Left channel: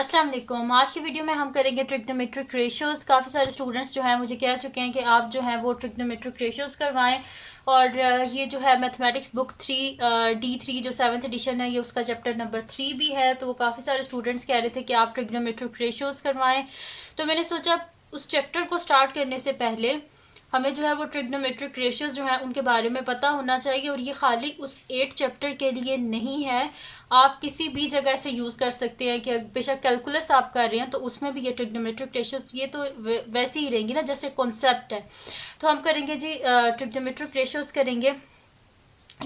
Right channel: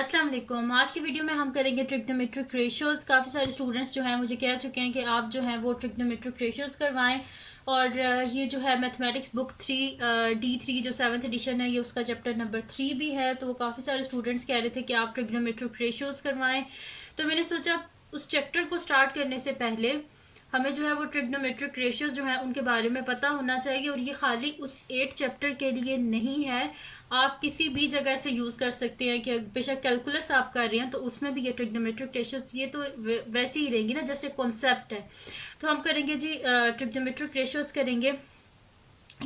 अस्सलाम वालेकुम। आज की वीडियो में हम करेंगे ट्रिग्नोमेट्रिक रेशियोज़। काफ़ी सारे स्टूडेंट्स जो हैं मुझे कह चुके हैं कि आप जो हैं वो ट्रिग्नोमेट्रिक रेशियोज़ करवाएं। और ये जो है मैथमेटिक्स बुक 3 D3 जो 7th एडिशन है, ये उसका चैप्टर नंबर 3 भी है। तो वो काफ़ी सारे स्टूडेंट्स कह रहे थे कि आप ट्रिग्नोमेट्रिक रेशियोज़ करवाएं। तो मैंने सोचा उस चैप्टर को स्टार्ट करने से पहले हमें जो है वो ट्रिग्नोमेट्रिक रेशियोज जो है उनके बारे में पता होना चाहिए। और ये खाली उस 8 चैप्टर के लिए नहीं है, आप किसी भी जगह से यूज़ कर सकते हैं। कि बेशक कैलकुलस आप कर रहे हैं तो उसमें भी ये ट्रिग्नोमेट्रिक रेशियोज ये तो वैसे ही रहेंगी ना, जैसे कॉन्सेप्ट है। तो हम करेंगे जी ट्रिग्नोमेट्रिक रेशियोज करेंगे।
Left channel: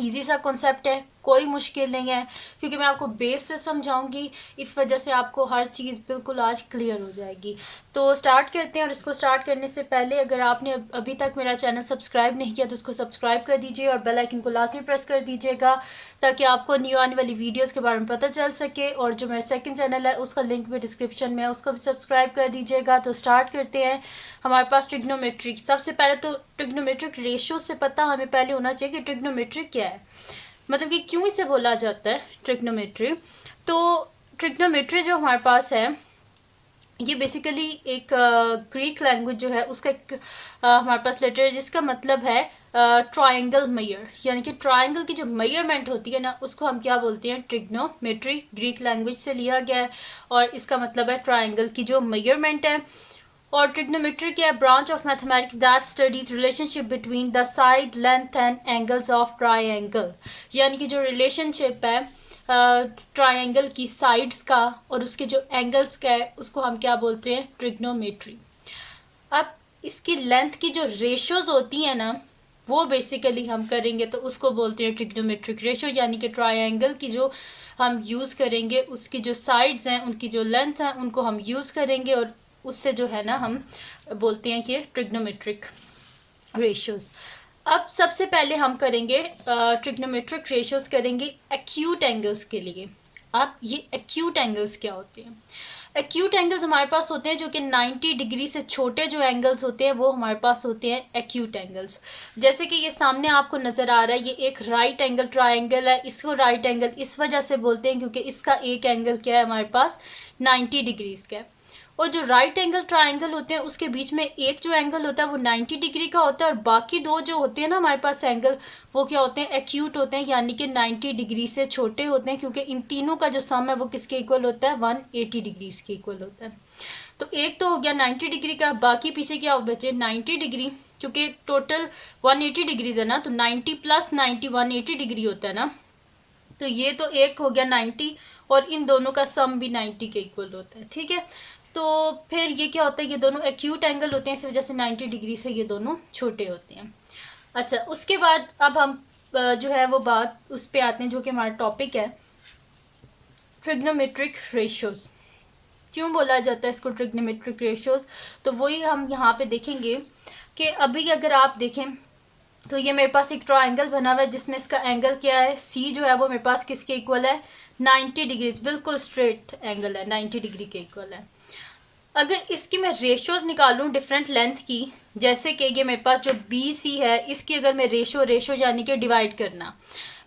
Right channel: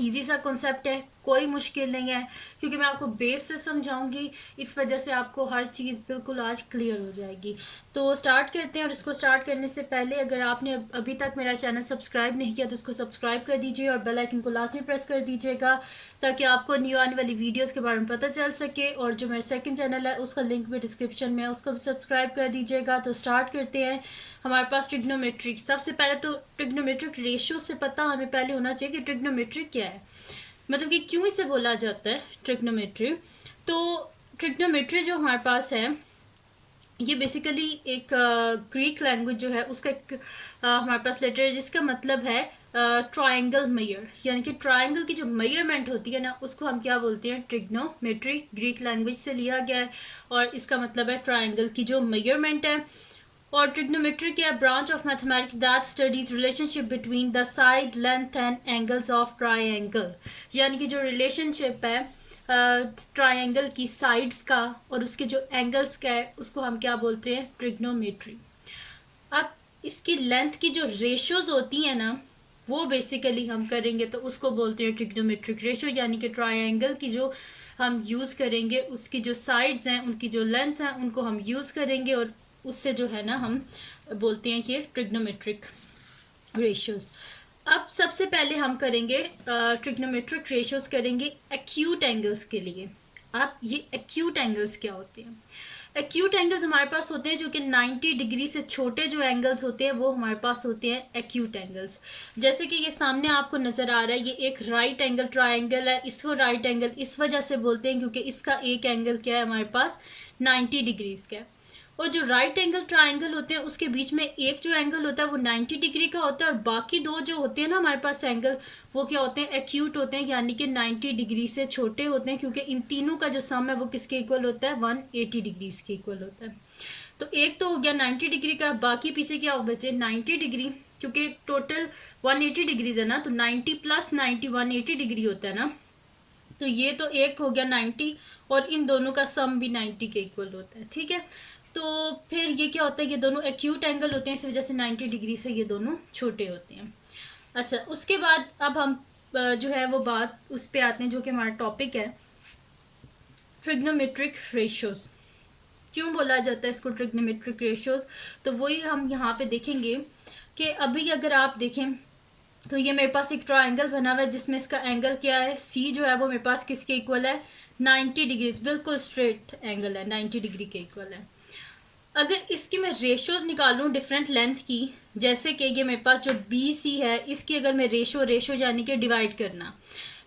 इजी सा कॉन्सेप्ट है, कोई मुश्किल नहीं है, क्योंकि मैं आपको बेस से समझाऊंगी। इस वजह से आपको हर चीज़ बिल्कुल आज क्लियर हो जाएगी। तो स्टार्ट करते हैं। और इसको स्टार्ट करने से पहले अगर आपने अभी तक मेरा चैनल सब्सक्राइब नहीं किया तो उसको सब्सक्राइब कर दीजिए और बेल आइकन को लास्ट में प्रेस कर दीजिएगा, ताकि आपको न्यू आने वाली वीडियोस के बारे में पता चल सके। और जो मेरा सेकंड चैनल है उसका लिंक भी डिस्क्रिप्शन में है, उसको भी सब्सक्राइब कर दीजिएगा। तो स्टार्ट करते हैं। हमारे पास ट्रिग्नोमेट्रिक, सबसे पहले तो ट्रिग्नोमेट्रिक रेशियो से पता हमें पहले होना चाहिए कि ट्रिग्नोमेट्रिक क्या है, मतलब कि क्यों इसे बोला जाता है ट्रिग्नोमेट्री। तो ट्रिग्नोमेट्री जो हमारे पास है ये बेसिकली एक ग्रीक लैंग्वेज जो है उसका एक हमारे पास लेटर है जिसका मतलब है ट्रायंगल मेयर। यानी कि ट्रायंगल की जो मेयरमेंट होती है ना, उसको हम क्या बोलते हैं, ट्रिग्नोमेट्री। ग्रीक लैंग्वेज से लिया गया है और इसका मतलब है ट्रायंगल की जो मेयरमेंट है। और ट्रिग्नोमेट्री क्या है, branch of mathematics that studies relationship between the side length and angles of triangle. यानी कि जो रिलेशनशिप है ट्रायंगल की साइड्स का और उसके जो एंगल्स का है, उसको हम क्या बोलते हैं, ट्रिग्नोमेट्री। अब इसकी लेंथ की जो रेशियोज होती है ना, वो बेसिकली हम करेंगे तो उसको बोलते हैं ट्रिग्नोमेट्रिक रेशियो। यानी कि ट्रायंगल की जो हम यूज़ करेंगे, उसकी जो साइड्स हैं उनकी जो लेंथ है उनको हम यूज़ करेंगे और उससे जो है ना हम बोलते हैं कि ट्रिग्नोमेट्रिक रेशियोज। अब सबसे पहले हम करेंगे ट्रिग्नोमेट्रिक रेशियोज करेंगे एक्यूट एंगल्स के लिए। अब ये एक्यूट एंगल्स क्या होते हैं? एक्यूट एंगल्स हमारे पास होते हैं जो कि 90 डिग्री से छोटे जो एंगल्स होते हैं वो हमारे पास होते हैं एक्यूट एंगल्स। जैसे कि ये सामने आपको नज़र आ रहा है, ये एक राइट एंगल ट्रायंगल है। इसको राइट एंगल इस वजह से बोलते हैं क्योंकि इसका एक एंगल क्या है हमारे पास, 90 डिग्रीज का है। और जो राइट एंगल ट्रायंगल होते हैं उसके बीच में एक जो एंगल होता है वो 90 डिग्री का होता है, और बाकी दो जो होते हैं ना हमारे पास एंगल, वो क्या होते हैं, एक्यूट होते हैं। यानी कि 90 डिग्री से छोटे होते हैं, क्योंकि इन तीनों का जो सम है वो किसके इक्वल होता है, 180 डिग्रीज के इक्वल होता है। तो एक तो हो गया 90 डिग्री का, बाकी पीछे क्या बचे 90 डिग्री, क्योंकि टोटल 180 डिग्रीज है ना, तो 90 प्लस 90 180 डिग्री होता है ना। तो ये तो एक हो गया 90, और इन दोनों का सम भी 90 के इक्वल होता है। ठीक है, तो फिर ये क्या होता है, ये दोनों एक्यूट एंगल होते हैं, इस वजह से 90 डिग्री से ये दोनों छोटे होते हैं। अच्छा, उसके बाद अब हम जो है वो बात उस पर आते हैं जो कि हमारा टॉपिक है, ट्रिग्नोमेट्रिक रेशियोज। क्यों बोला जाता है इसको ट्रिग्नोमेट्रिक रेशियोज? तो वही हम यहाँ पे देखेंगे कि अभी अगर आप देखें तो ये मेरे पास एक ट्रायंगल बना हुआ है जिसमें इसका एंगल क्या है, सी जो है वो मेरे पास किसके इक्वल है, 90 डिग्रीज। बिल्कुल स्ट्रेट एंगल है, 90 डिग्री के इक्वल है। अगर इसकी मैं रेशियोज निकालूं डिफरेंट लेंथ की, जैसे कि ये मेरे पास जो बी सी है, इसकी अगर मैं रेशो यानी कि डिवाइड करना,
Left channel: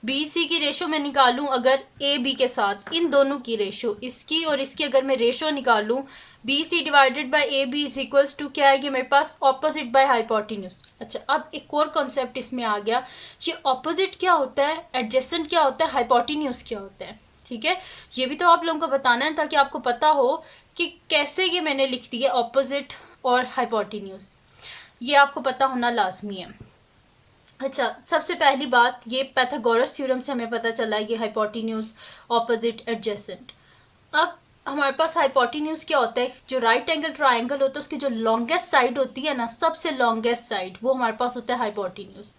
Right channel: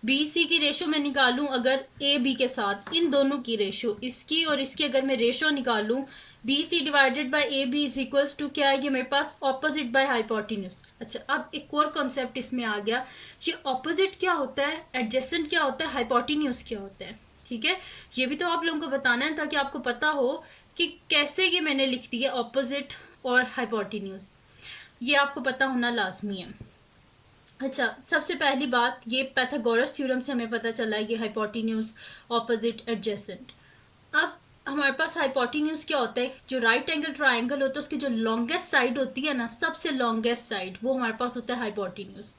बी सी की रेशो मैं निकालूं अगर ए बी के साथ, इन दोनों की रेशो, इसकी और इसकी अगर मैं रेशो निकालूं, B C divided by A B is equals to क्या है, ये मेरे पास ऑपोजिट बाय हाइपोटेन्यूज। अच्छा, अब एक और कॉन्सेप्ट इसमें आ गया, ये ऑपोजिट क्या होता है, एडजेसेंट क्या होता है, हाइपोटेन्यूज क्या होता है। ठीक है, ये भी तो आप लोगों को बताना है ताकि आपको पता हो कि कैसे ये मैंने लिख दिया ऑपोजिट और हाइपोटेन्यूज, ये आपको पता होना लाजमी है। अच्छा, सबसे पहली बात, ये पैथागोरस थ्योरम से हमें पता चला ये हाइपोटेन्यूज, ऑपोजिट, एडजेसेंट। अब हमारे पास हाइपोटेन्यूज क्या होता है, जो राइट एंगल ट्रायंगल होता है उसकी जो लॉन्गेस्ट साइड होती है ना, सबसे लॉन्गेस्ट साइड, वो हमारे पास होता है हाइपोटेन्यूज।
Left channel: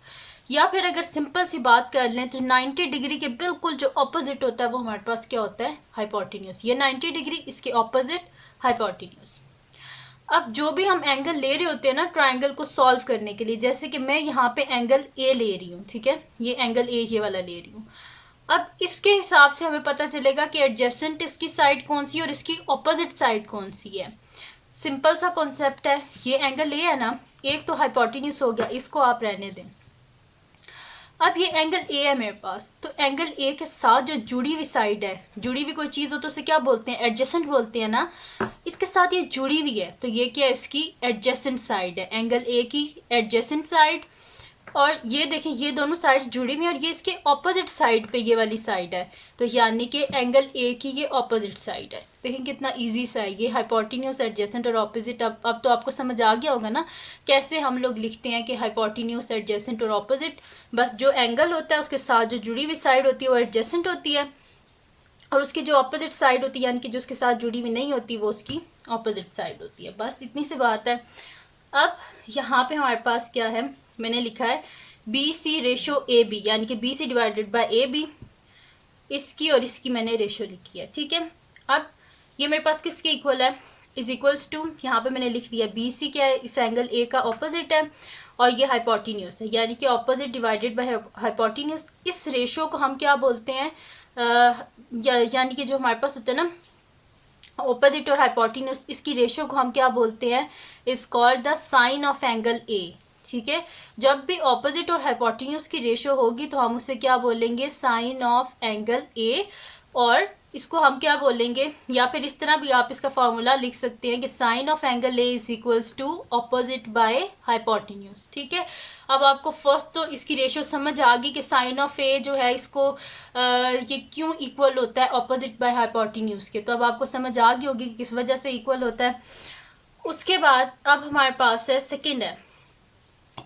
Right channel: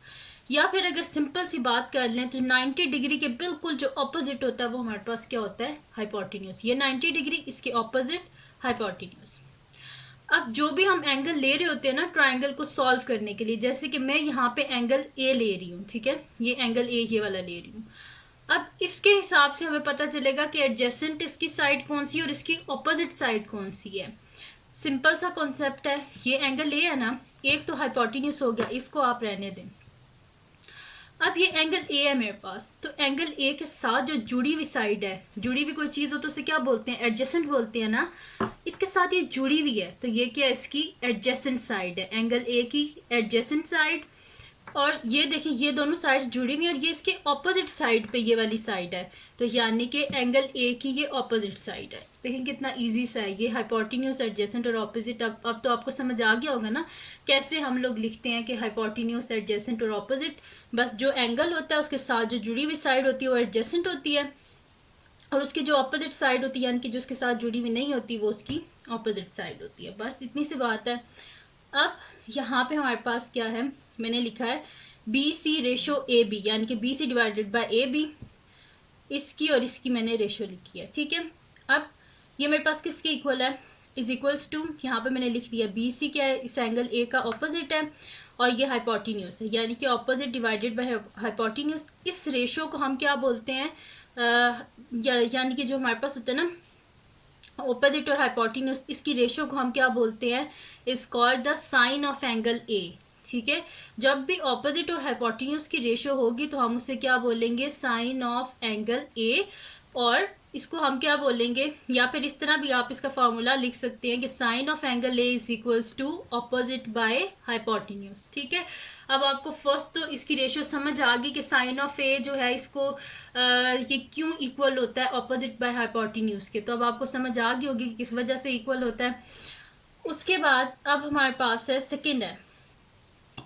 या फिर अगर सिंपल सी बात कर लें तो 90 डिग्री के बिल्कुल जो ऑपोजिट होता है वो हमारे पास क्या होता है, हाइपोटेन्यूज। ये 90 डिग्री, इसके ऑपोजिट हाइपोटेन्यूज। अब जो भी हम एंगल ले रहे होते हैं ना ट्रायंगल को सॉल्व करने के लिए, जैसे कि मैं यहाँ पे एंगल ए ले रही हूँ, ठीक है, ये एंगल ए ये वाला ले रही हूँ। अब इसके हिसाब से हमें पता चलेगा कि एडजेसेंट इसकी साइड कौन सी है और इसकी ऑपोजिट साइड कौन सी है। सिंपल सा कॉन्सेप्ट है, ये एंगल ए है ना, एक तो हाइपोटेन्यूज हो गया, इसको आप रहने दें। अब ये एंगल ए है मेरे पास, तो एंगल ए के साथ जो जुड़ी हुई साइड है, जुड़ी हुई कोई चीज़ हो तो उसे क्या बोलते हैं, एडजेसेंट बोलते हैं ना। इसके साथ ये जुड़ी हुई है तो ये क्या है, इसकी एडजेसेंट साइड है, एंगल ए की एडजेसेंट साइड। और ये देखें ये दोनों साइड्स जुड़ी हुई हैं और ये इसके ऑपोजिट साइड पे ये वाली साइड है, तो यानी कि एंगल ए की ये ऑपोजिट साइड है। देखें कितना इजी सा है ये, हाइपोटेन्यूज, एडजेसेंट और ऑपोजिट। अब तो आपको समझ आ गया होगा ना कैसे हम लोग लिखते हैं कि हाइपोटेन्यूज, एडजेसेंट और ऑपोजिट। बस जो एंगल होता है उसके साथ जो जुड़ी हुई साइड होती है वो एडजेसेंट होती है, और उसकी जो ऑपोजिट साइड होती है यानी कि जो उसके साथ जुड़ी हुई नहीं होती वो उसकी ऑपोजिट साइड होती है। बस इतनी सी बात है। अब यहाँ पे हमारे पास क्या है, मैंने लिखा है B C ratio A B, यानी कि B C divided by A B, इसकी और इसकी मैंने रेशो लिखी है। ठीक है, अब ये मेरे पास किसके इक्वल है, इज इक्वल्स टू, यहाँ पे मैंने लिख दिया बी सी क्या है, इस एंगल ए का ऑपोजिट है और ये हाइपोटेन्यूज है, यानी कि ऑपोजिट डिवाइडेड बाय हाइपोटेन्यूज। इस रेशो को हम क्या बोलते हैं, यानी कि जो हमारे पास होता है ना ऑपोजिट और हाइपोटेन्यूज, इसकी रेशो को हम क्या बोलते हैं, is called the sine of angle A. ठीक है, जब भी ऑपोजिट और हाइपोटेन्यूज की रेशो होगी तो हम उसे क्या बोलेंगे, साइन ऑफ एंगल ए। और इसको हम क्या बोलेंगे, या फिर इस तरह भी आप इसका फॉर्मूला लिख सकते हैं कि sine of angle A is equals to opposite by hypotenuse. ठीक है, अब आपको फर्स्ट तो इसकी रेशो समझ आ गई कि साइन ऑफ ए जो है इसको ये क्यों इक्वल होता है ऑपोजिट बाय हाइपोटेन्यूज के, तो अब आपको समझ आ गई होगी कि किस वजह से इक्वल होता है। उसके बाद अब हमारे पास है सेकेंड है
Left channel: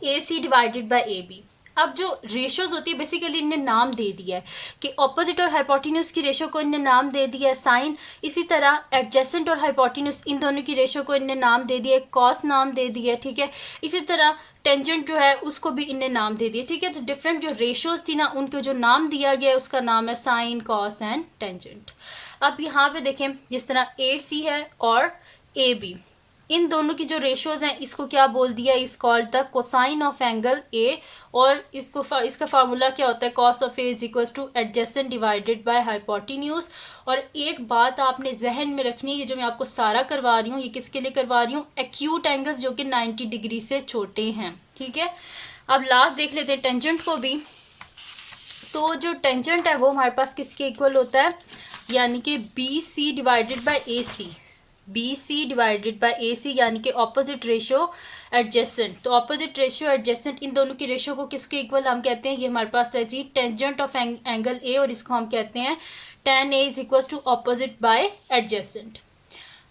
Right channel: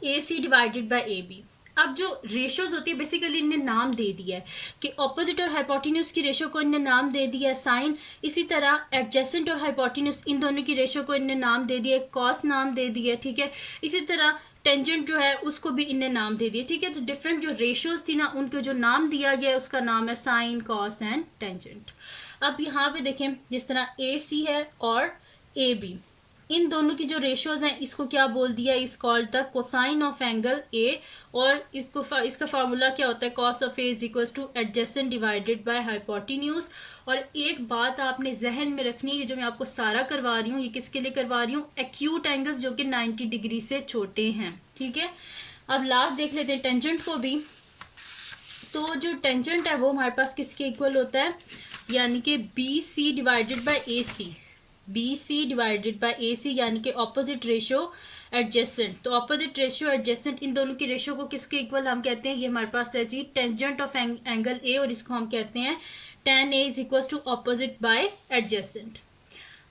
A C divided by A B. अब जो रेशोज होती है बेसिकली इनने नाम दे दिया है कि ऑपोजिट और हाइपोटेन्यूज की रेशो को इनने नाम दे दिया है साइन, इसी तरह एडजेसेंट और हाइपोटेन्यूज इन दोनों की रेशो को इनने नाम दे दिया है कॉस नाम दे दिया है। ठीक है, इसी तरह टेंजेंट जो है उसको भी इनने नाम दे दिया। ठीक है, तो डिफरेंट जो रेशोज थी ना उनको जो नाम दिया गया है उसका नाम है साइन, कॉस एंड टेंजेंट। अब यहाँ पे देखें जिस तरह ए सी है और ए बी, इन दोनों की जो रेशियोज हैं इसको क्या बोल दिया, is called the cosine of angle A. और इसका फार्मूला क्या होता है, cos of A is equals to adjacent divided by hypotenuse. और एक बात आपने जहन में रखनी है, जो मैं आपको सारा करवा रही हूँ ये किसके लिए करवा रही हूँ, एक्यूट एंगल्स जो कि 90 डिग्री से छोटे हैं। ठीक है, अब लास्ट देख लेते हैं टेंजेंट को भी। तो जो टेंजेंट है वो हमारे पास किसके इक्वल होता है, यानी कि B C divided by A C, B C divided by A C, यानी कि ऑपोजिट रेशो एडजेसेंट। तो ऑपोजिट रेशो एडजेसेंट इन दोनों की रेशो को किसके इक्वल हम कहते हैं, ये हमारे पास है जी टेंजेंट ऑफ एंगल ए, और इसको हम कहते हैं tan A is equal to opposite by adjacent.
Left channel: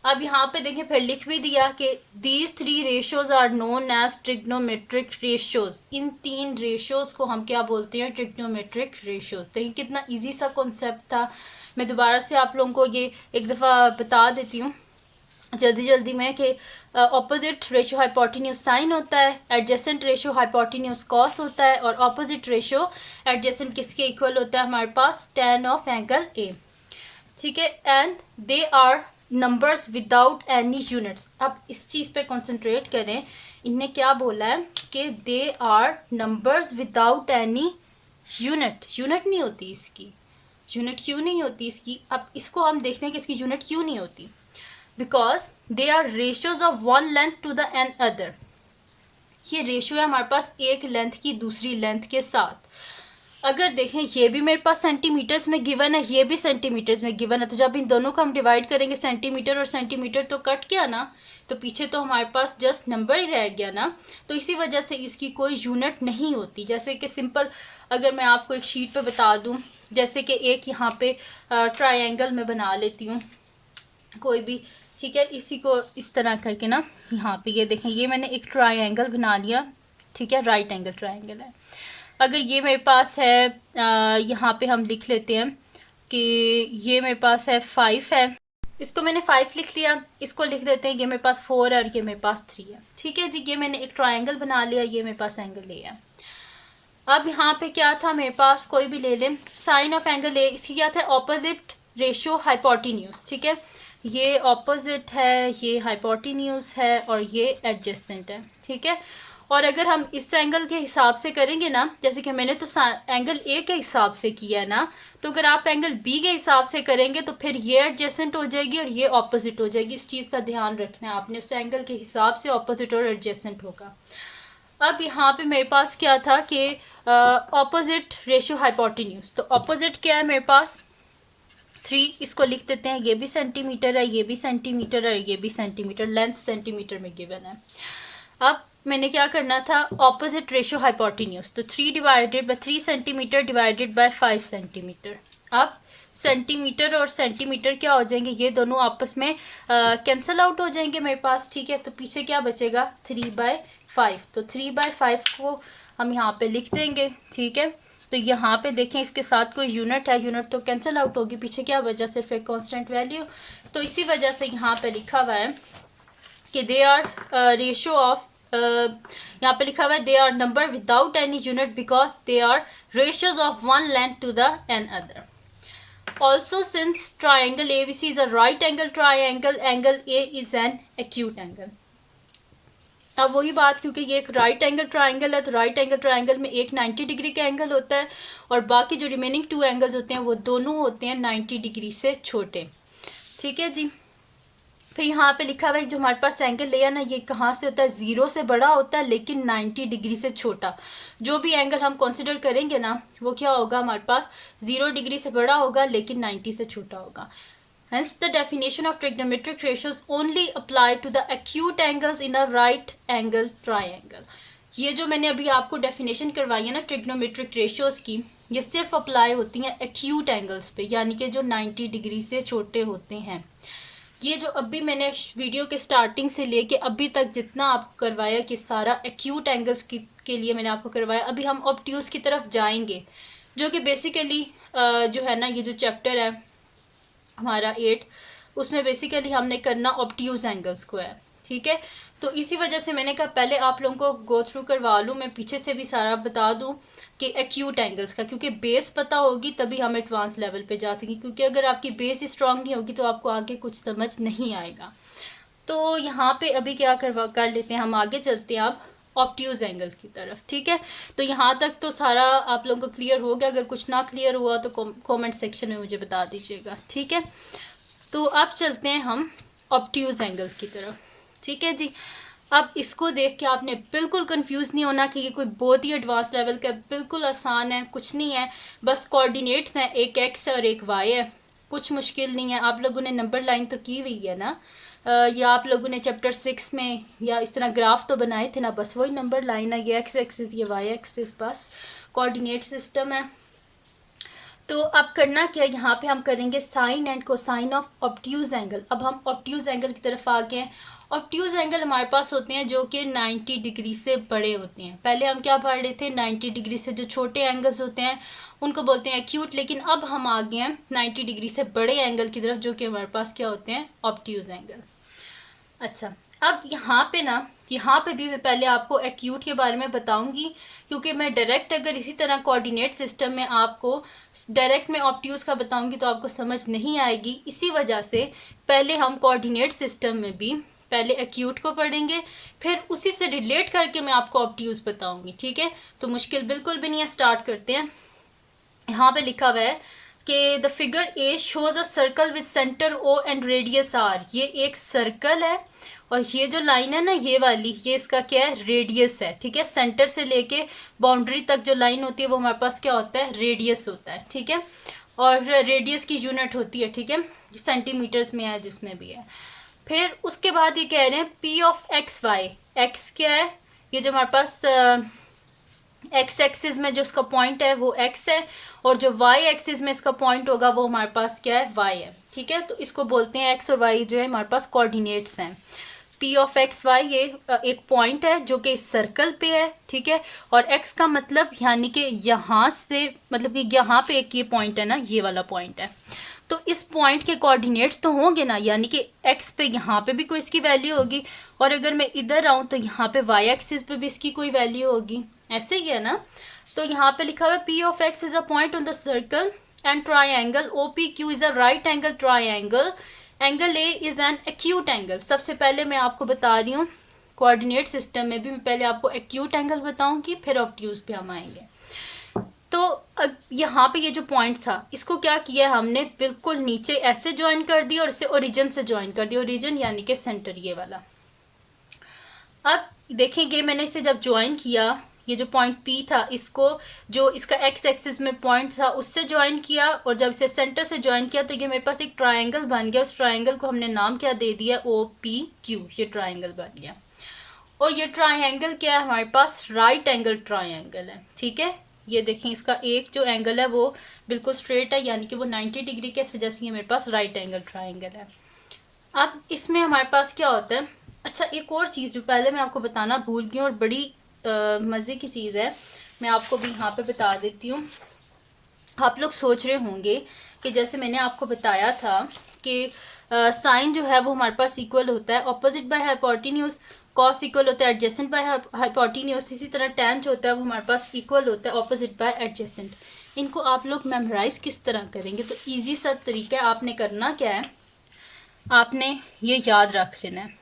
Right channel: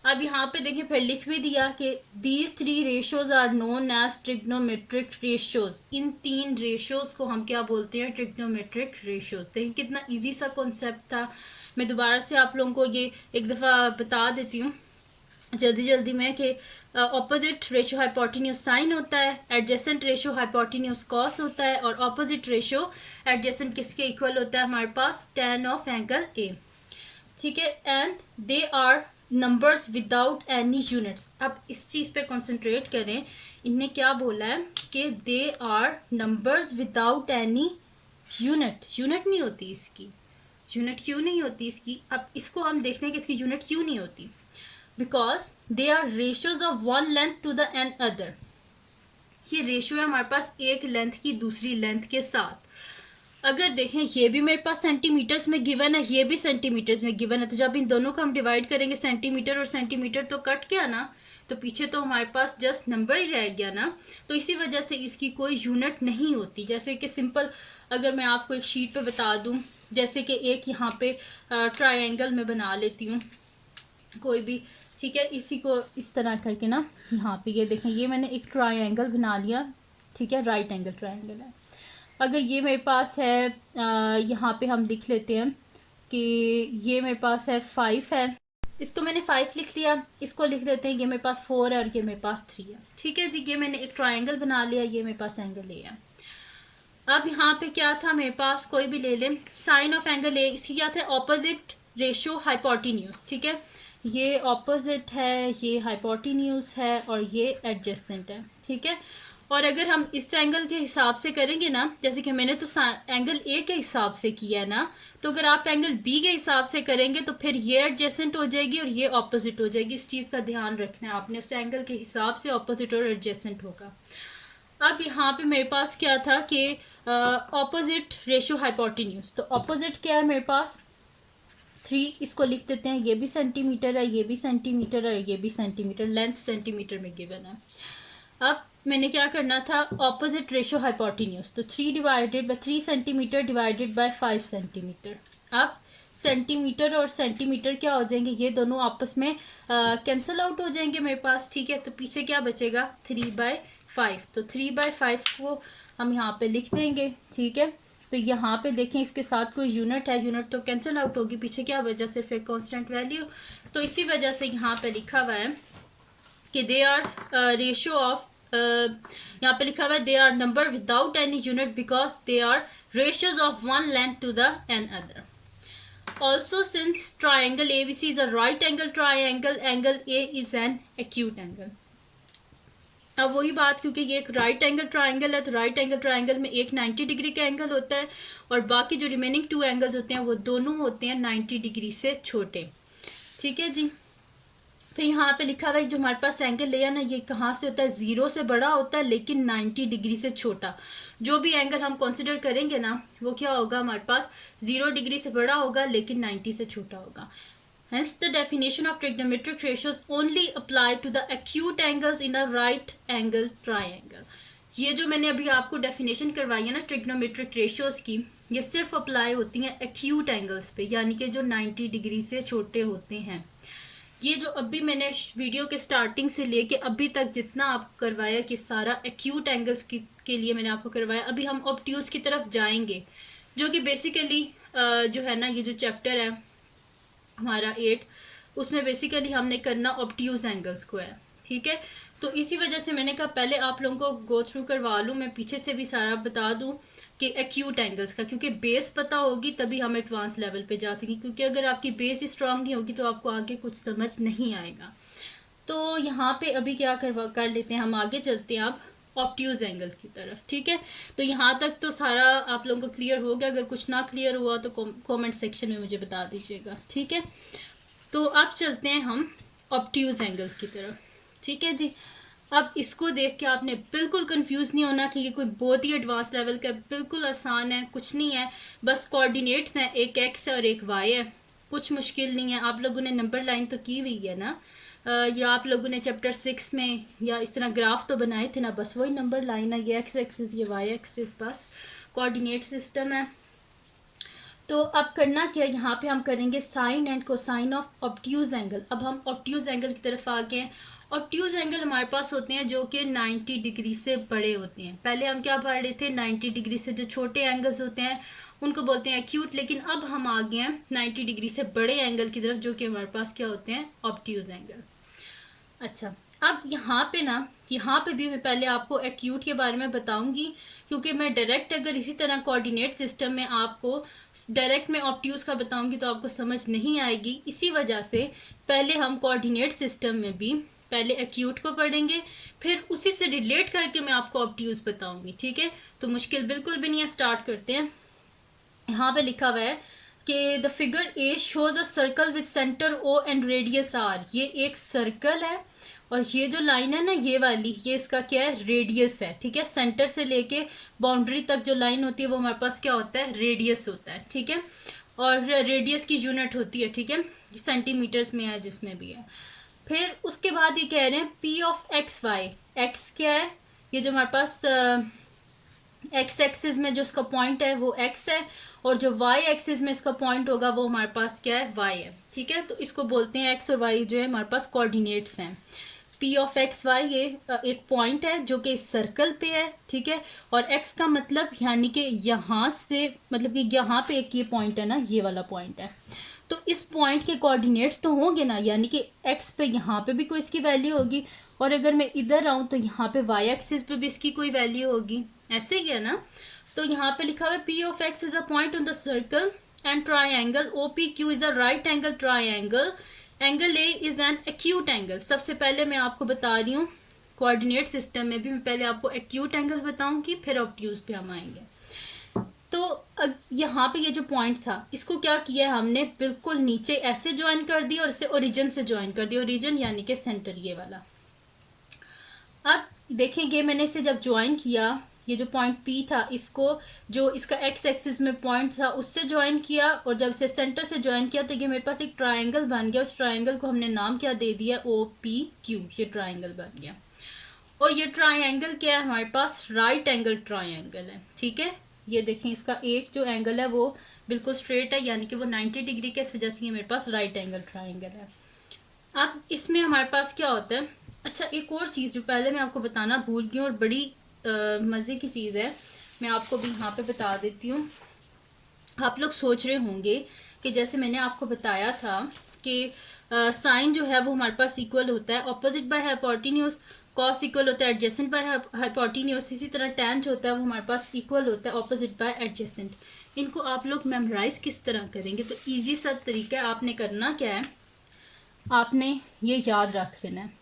अब यहाँ पे देखिए फिर लिख भी दिया कि these three ratios are known as trigonometric ratios. इन तीन रेशियोज को हम क्या बोलते हैं, ट्रिग्नोमेट्रिक रेशियोज। देखिए कितना इजी सा कॉन्सेप्ट था। मैं दोबारा से आप लोगों को ये एक दफ़ा बता देती हूँ जल्दी जल्दी में कि ऑपोजिट रेशियो हाइपोटेन्यूज साइन होता है, एडजेसेंट रेशियो हाइपोटेन्यूज कॉस होता है, और ऑपोजिट रेशियो एडजेसेंट किसके इक्वल होता है हमारे पास, tan ऑफ एंगल ए। ठीक है, and they are numbers without any units. अब इस चीज़ पे कंसंट्रेट करें, इनने क्या बोला है कि they are numbers without any unit. Unit नहीं होती इसकी, यूनिट क्यों नहीं होती इसकी, अब इसको हम देखते हैं कि इसकी यूनिट क्यों नहीं होती। Because they are ratios of one length to the another. ये रेशियो है हमारे पास एक लेंथ की दूसरी लेंथ के साथ। अगर देखें ये भी मेरे पास सेंटीमीटर्स में गिवन है, ये भी सेंटीमीटर्स में गिवन है, तो जब इन दोनों को हम डिवाइड करेंगे सेंटीमीटर और सेंटीमीटर तो कट गया ना, तो पीछे तो हमारे पास जस्ट नंबर ही रह गया ना। तो इसी वजह से इसकी कोई यूनिट नहीं होती। जैसे कि सिंपल अगर मैं आपको एक शीट पे बता दूं, जैसे कि एक यहाँ पे ट्रायंगल में बना लेती हूँ कोई भी। ठीक है, इसी को इस तरह करके ना यहाँ पे ये देखें, ये मैंने एक ट्रायंगल बना लिया। ठीक है, राइट एंगल ट्रायंगल है। अगर ये मेरे पास है यहाँ पे हम लिख लेते हैं कि ये मेरे पास है 5 है, इसको मैंने 5 लिख लिया, इसको लिख देते हैं ये मेरे पास 4 है और ये मेरे पास 3 है। ठीक है जी, ये मैंने एक ट्रायंगल बना लिया, ये मेरे पास एंगल ए है। अब यहाँ पे क्या था मेरे पास, कोई भी ले लें, साइन ऑफ एंगल ए, इसकी क्या था, ऑपोजिट रेशियो हाइपोटेन्यूज। ठीक है, ये ऑपोजिट है, ये हाइपोटेन्यूज है और ये एडजेसेंट है। ठीक है, और अगर हम इस एंगल के हिसाब से करेंगे ना, जैसे कि मैंने तो एंगल ए के हिसाब से किया है ना, तो अगर आप एंगल बी के हिसाब से करेंगे तो फिर ये एडजेसेंट हो जाएगी और ये ऑपोजिट हो जाएगी। इस चीज़ का ध्यान रखना है आपने, उस एंगल के हिसाब से ऑपोजिट और एडजेसेंट होगा। अब यहाँ पे मेरे पास क्या था कि ऑपोजिट रेशियो हाइपोटेन्यूज, तो ऑपोजिट क्या है मेरे पास 3, इसको लिख देते हैं, ये भी सेंटीमीटर है, ये भी सेंटीमीटर है, ये भी सेंटीमीटर, लेंथ सेंटीमीटर में गिवन है। अब मैंने क्या करना था, ऑपोजिट रेशियो हाइपोटेन्यूज, तो 3 divided by 3 centimetre divided by 5 centimetre. अब सेंटीमीटर और सेंटीमीटर क्या हो जाएंगे, ये दोनों आपस में कैंसल आउट हो जाएंगे मेरे पास, ठीक है। तो पीछे क्या बचेगा 3/5, तो 3/5 को हम यहाँ पे लिख देंगे, ठीक है। तो यहाँ पे देखें इसके साथ कोई यूनिट है, यूनिट तो कैंसिल आउट होगी, पीछे क्या वजह सिर्फ एक कांस्टेंट वैल्यू, तो इसी वजह से यहाँ पे लिखा हुआ है कि दे आर रेशियो ऑफ, यहाँ पे लिखा हुआ है they are number without any unit because they are ratios of one length to the another. Also, since triangle ABC is a right angle triangle, angle A is an acute angle. अब वही बात, क्योंकि ये एक right angle triangle है, तो right angle triangle में एक 90 डिग्री का एंगल होता है और बाकी जो रिमेनिंग 2 एंगल्स होते हैं वो दोनों होते हैं 90 डिग्री से छोटे, ठीक है जी। फिर यहाँ पे लिखा हुआ है जो हमारे पास एंगल लिया ना, ये कहाँ से होता है, 0 से बड़ा होता है लेकिन 90 डिग्री से छोटा। जो भी एंगल हम कंसिडर करेंगे ना वो क्या होगा, हमारे पास 0 डिग्री से बड़ा होगा लेकिन 90 से छोटा होगा। Hence, the definition of trigonometric ratios only apply to the acute angles in a right angle triangle. ये जो मैंने अभी आपको डेफिनेशन करवाई है ना ट्रिग्नोमेट्रिक रेशियोज की, ये सिर्फ अप्लाई होती हैं एक्यूट एंगल्स पे, यानी कि जो 90 डिग्री से छोटे होते हैं। ये जो अभी मैंने वीडियो के स्टार्टिंग से लेके अभी तक जितना आपको करवाया कि सारा एक्यूट एंगल्स के लिए मैंने आपको करवाया। अभी हम ऑब्ट्यूज की तरफ जाएंगे, जो कि बेसिकली जो है ना, ये जो चैप्टर है हमारा 8, उसमें बेसिकली हमने करना ऑब्ट्यूज एंगल्स को है, ठीक है। तो इसी वजह से मैंने कहा पहले आप लोगों को गो थ्रू करवा लूँ, मैं पीछे से भी सारा बता दूँ कि एक्यूट एंगल्स का, क्योंकि बेस पता होगी तभी हम एडवांस लेवल पे जा सकेंगे, क्योंकि अगर आपकी बेस ही स्ट्रांग नहीं होगी तो आपको आगे कुछ समझ नहीं आएगा। तो यहाँ पे अभी क्या कर लेते हैं, हम आगे चलते हैं आप ऑब्ट्यूज एंगल की तरफ, ठीक है। तो यहाँ तक तो सारा आप लोगों को क्लियर हो गया, अगर कुछ ना क्लियर हुआ तो कमेंट सेक्शन में मुझे बता दीजिएगा, ठीक है। तो अब चलते हैं हम ऑब्ट्यूज एंगल की तरफ, ठीक है जी। अब इसको देख के आपने बिल्कुल कंफ्यूज नहीं होना कि ये कोई बहुत ही एडवांस लेवल का है, बिल्कुल आसान है, कुछ नहीं है, बस कोऑर्डिनेट्स हैं, एक एक्स और एक वाई है, कुछ मुश्किल नहीं है। आप लोगों ने नंबर लाइन तो की हुई है ना, या आप लोगों ने चैप्टर 6 में या इस तरह ग्राफ तो बनाए थे ना, बस वही नंबर लाइन है, ये एक्स एक्सिस ये वाई एक्सिस, बस कोऑर्डिनेट सिस्टम है। तो अब करना क्या, यहाँ पे हम करेंगे sine and cosine of obtuse angle. अब हम ऑब्ट्यूज एंगल की तरफ आ गए हैं। ऑब्ट्यूज एंगल हमारे पास होते हैं जो कि 90 डिग्री से बड़े होते हैं। पहले हम क्या पढ़ रहे थे, 90 डिग्री से जो छोटे एंगल्स होते हैं उनको बोलते हैं एक्यूट, लेकिन अब हम आ गए हैं 90 डिग्री से बड़े एंगल की तरफ, जो कि हमारे पास क्या होते हैं, ऑब्ट्यूज एंगल। अच्छा, अब यहाँ पे ना, यहाँ पे भी मैं पहले आपको एक्यूट के बारे में बताऊंगी, क्योंकि मैं डायरेक्ट अगर इसी तरह कोऑर्डिनेट सिस्टम में आपको डायरेक्ट में ऑब्ट्यूज का बताऊंगी तो आपको समझ नहीं आएगी। इसी वजह से पहले हम कोऑर्डिनेट सिस्टम में भी पहले एक्यूट को पढ़ेंगे, फिर उसी से रिलेट करके मैं आपको ऑब्ट्यूज बताऊंगी, ठीक है। तो मुश्किल बिल्कुल भी नहीं है, स्टार्ट करते हैं। यहाँ पे लिखा हुआ है कि the figure A shows a circle with centre O and radius R. ये एक सर्कल है और ये जो लाइन है ना, ये वाली, ये इसका क्या है, रेडियस है, ठीक है। सेंटर से लेके बाउंड्री तक जो लाइन होती है वो हमारे पास क्या होता है, रेडियस होता है, ठीक है। और रेडियस की यूनिट होती है, ठीक है, सेंटीमीटर्स में है, जिसमें भी है। फिर उसके बाद ये कह रहे हैं P of X Y. X क्या है, ये जो हमारे पास एक्स एक्सिस में जो इसका पॉइंट है वो एक्स है, और जो वाई एक्सिस में इसका पॉइंट होगा वो हमारे पास क्या है, वाई है, ठीक है। तो इसको बोलते हैं एक्स और वाई जो है हमारे पास कोऑर्डिनेट्स हैं। पी ऑफ एक्स वाई ये एक पॉइंट है जो कि इस सर्कल पे है, ठीक है। और एक्स का मतलब यानी कि यहाँ से, मतलब कि यहाँ पे एक ये पॉइंट है ना, ये वाला पॉइंट है, तो इस पॉइंट के कोऑर्डिनेट्स तो होंगे ना, यानी कि एक्स पे यहाँ पे भी कोई इसकी वैल्यू होगी, और अगर मैं इधर आऊँ तो यहाँ पे वाई एक्सिस पे भी इसकी कोई वैल्यू होगी, ऐसे ही है ना। तो यहाँ पे लिखा हुआ है P of X is a point on the circle and triangle O P Q is a right angle triangle, angle A is an acute angle. सबसे पहले मैं आपको बता रही हूँ कोऑर्डिनेट सिस्टम में भी मैं पहले आपको एक्यूट एंगल बताऊंगी, फिर ऑब्ट्यूज पे हम आएंगे। तो यहाँ पे ये जो पॉइंट था इसको क्या किया हमने, बिल्कुल नीचे ऐसे ज्वाइन कर दिया और इसे ओरिजिन से ज्वाइन कर दिया, ओरिजिन यानी कि सेंटर, ये वाला। अब देखें ये मैंने इसे जब ज्वाइन किया, ये जो पॉइंट P था इसको जो इसका एक्स एक्सिस में पॉइंट था उससे ज्वाइन किया, और जब इसे सेंटर से ज्वाइन किया तो ये मेरे पास एक ट्रायंगल बन गया। उस ट्रायंगल को हमने नाम क्या दे दिया, OPQ। ये ट्रायंगल बन गया। और ये ट्रायंगल क्या है हमारे पास, राइट एंगल ट्रायंगल है। ठीक है, ये देखें इसका एक जो एंगल है वो बिल्कुल स्ट्रेट है, यानी कि वो 90 डिग्री के, इस वजह से ये मेरे पास राइट एंगल ट्रायंगल है। अब इसमें हमारे पास क्या होता है, अच्छा एक और चीज़ जो पहले मैं आपको बताना भूल गई और बड़ी मज़े की चीज़ है, मैं आपको भी यहाँ पे बता देती हूँ। आप लोग सोच रहे होंगे कि जैसे मैंने आपको बताया था कि साइन जो है वो हमारे पास इक्वल होता है opposite by hypotenuse, cos equal होता है एडजेसेंट बाय हाइपोटेन्यूज, इसी तरह टैन जो होता है वो हमारे पास इक्वल होता है ऑपोजिट बाय एडजेसेंट। इनको आप लोग मेमोराइज किस तरह करेंगे, तो ईजी सा तरीका है। आपने करना क्या है, आपने ये याद रख लेना है,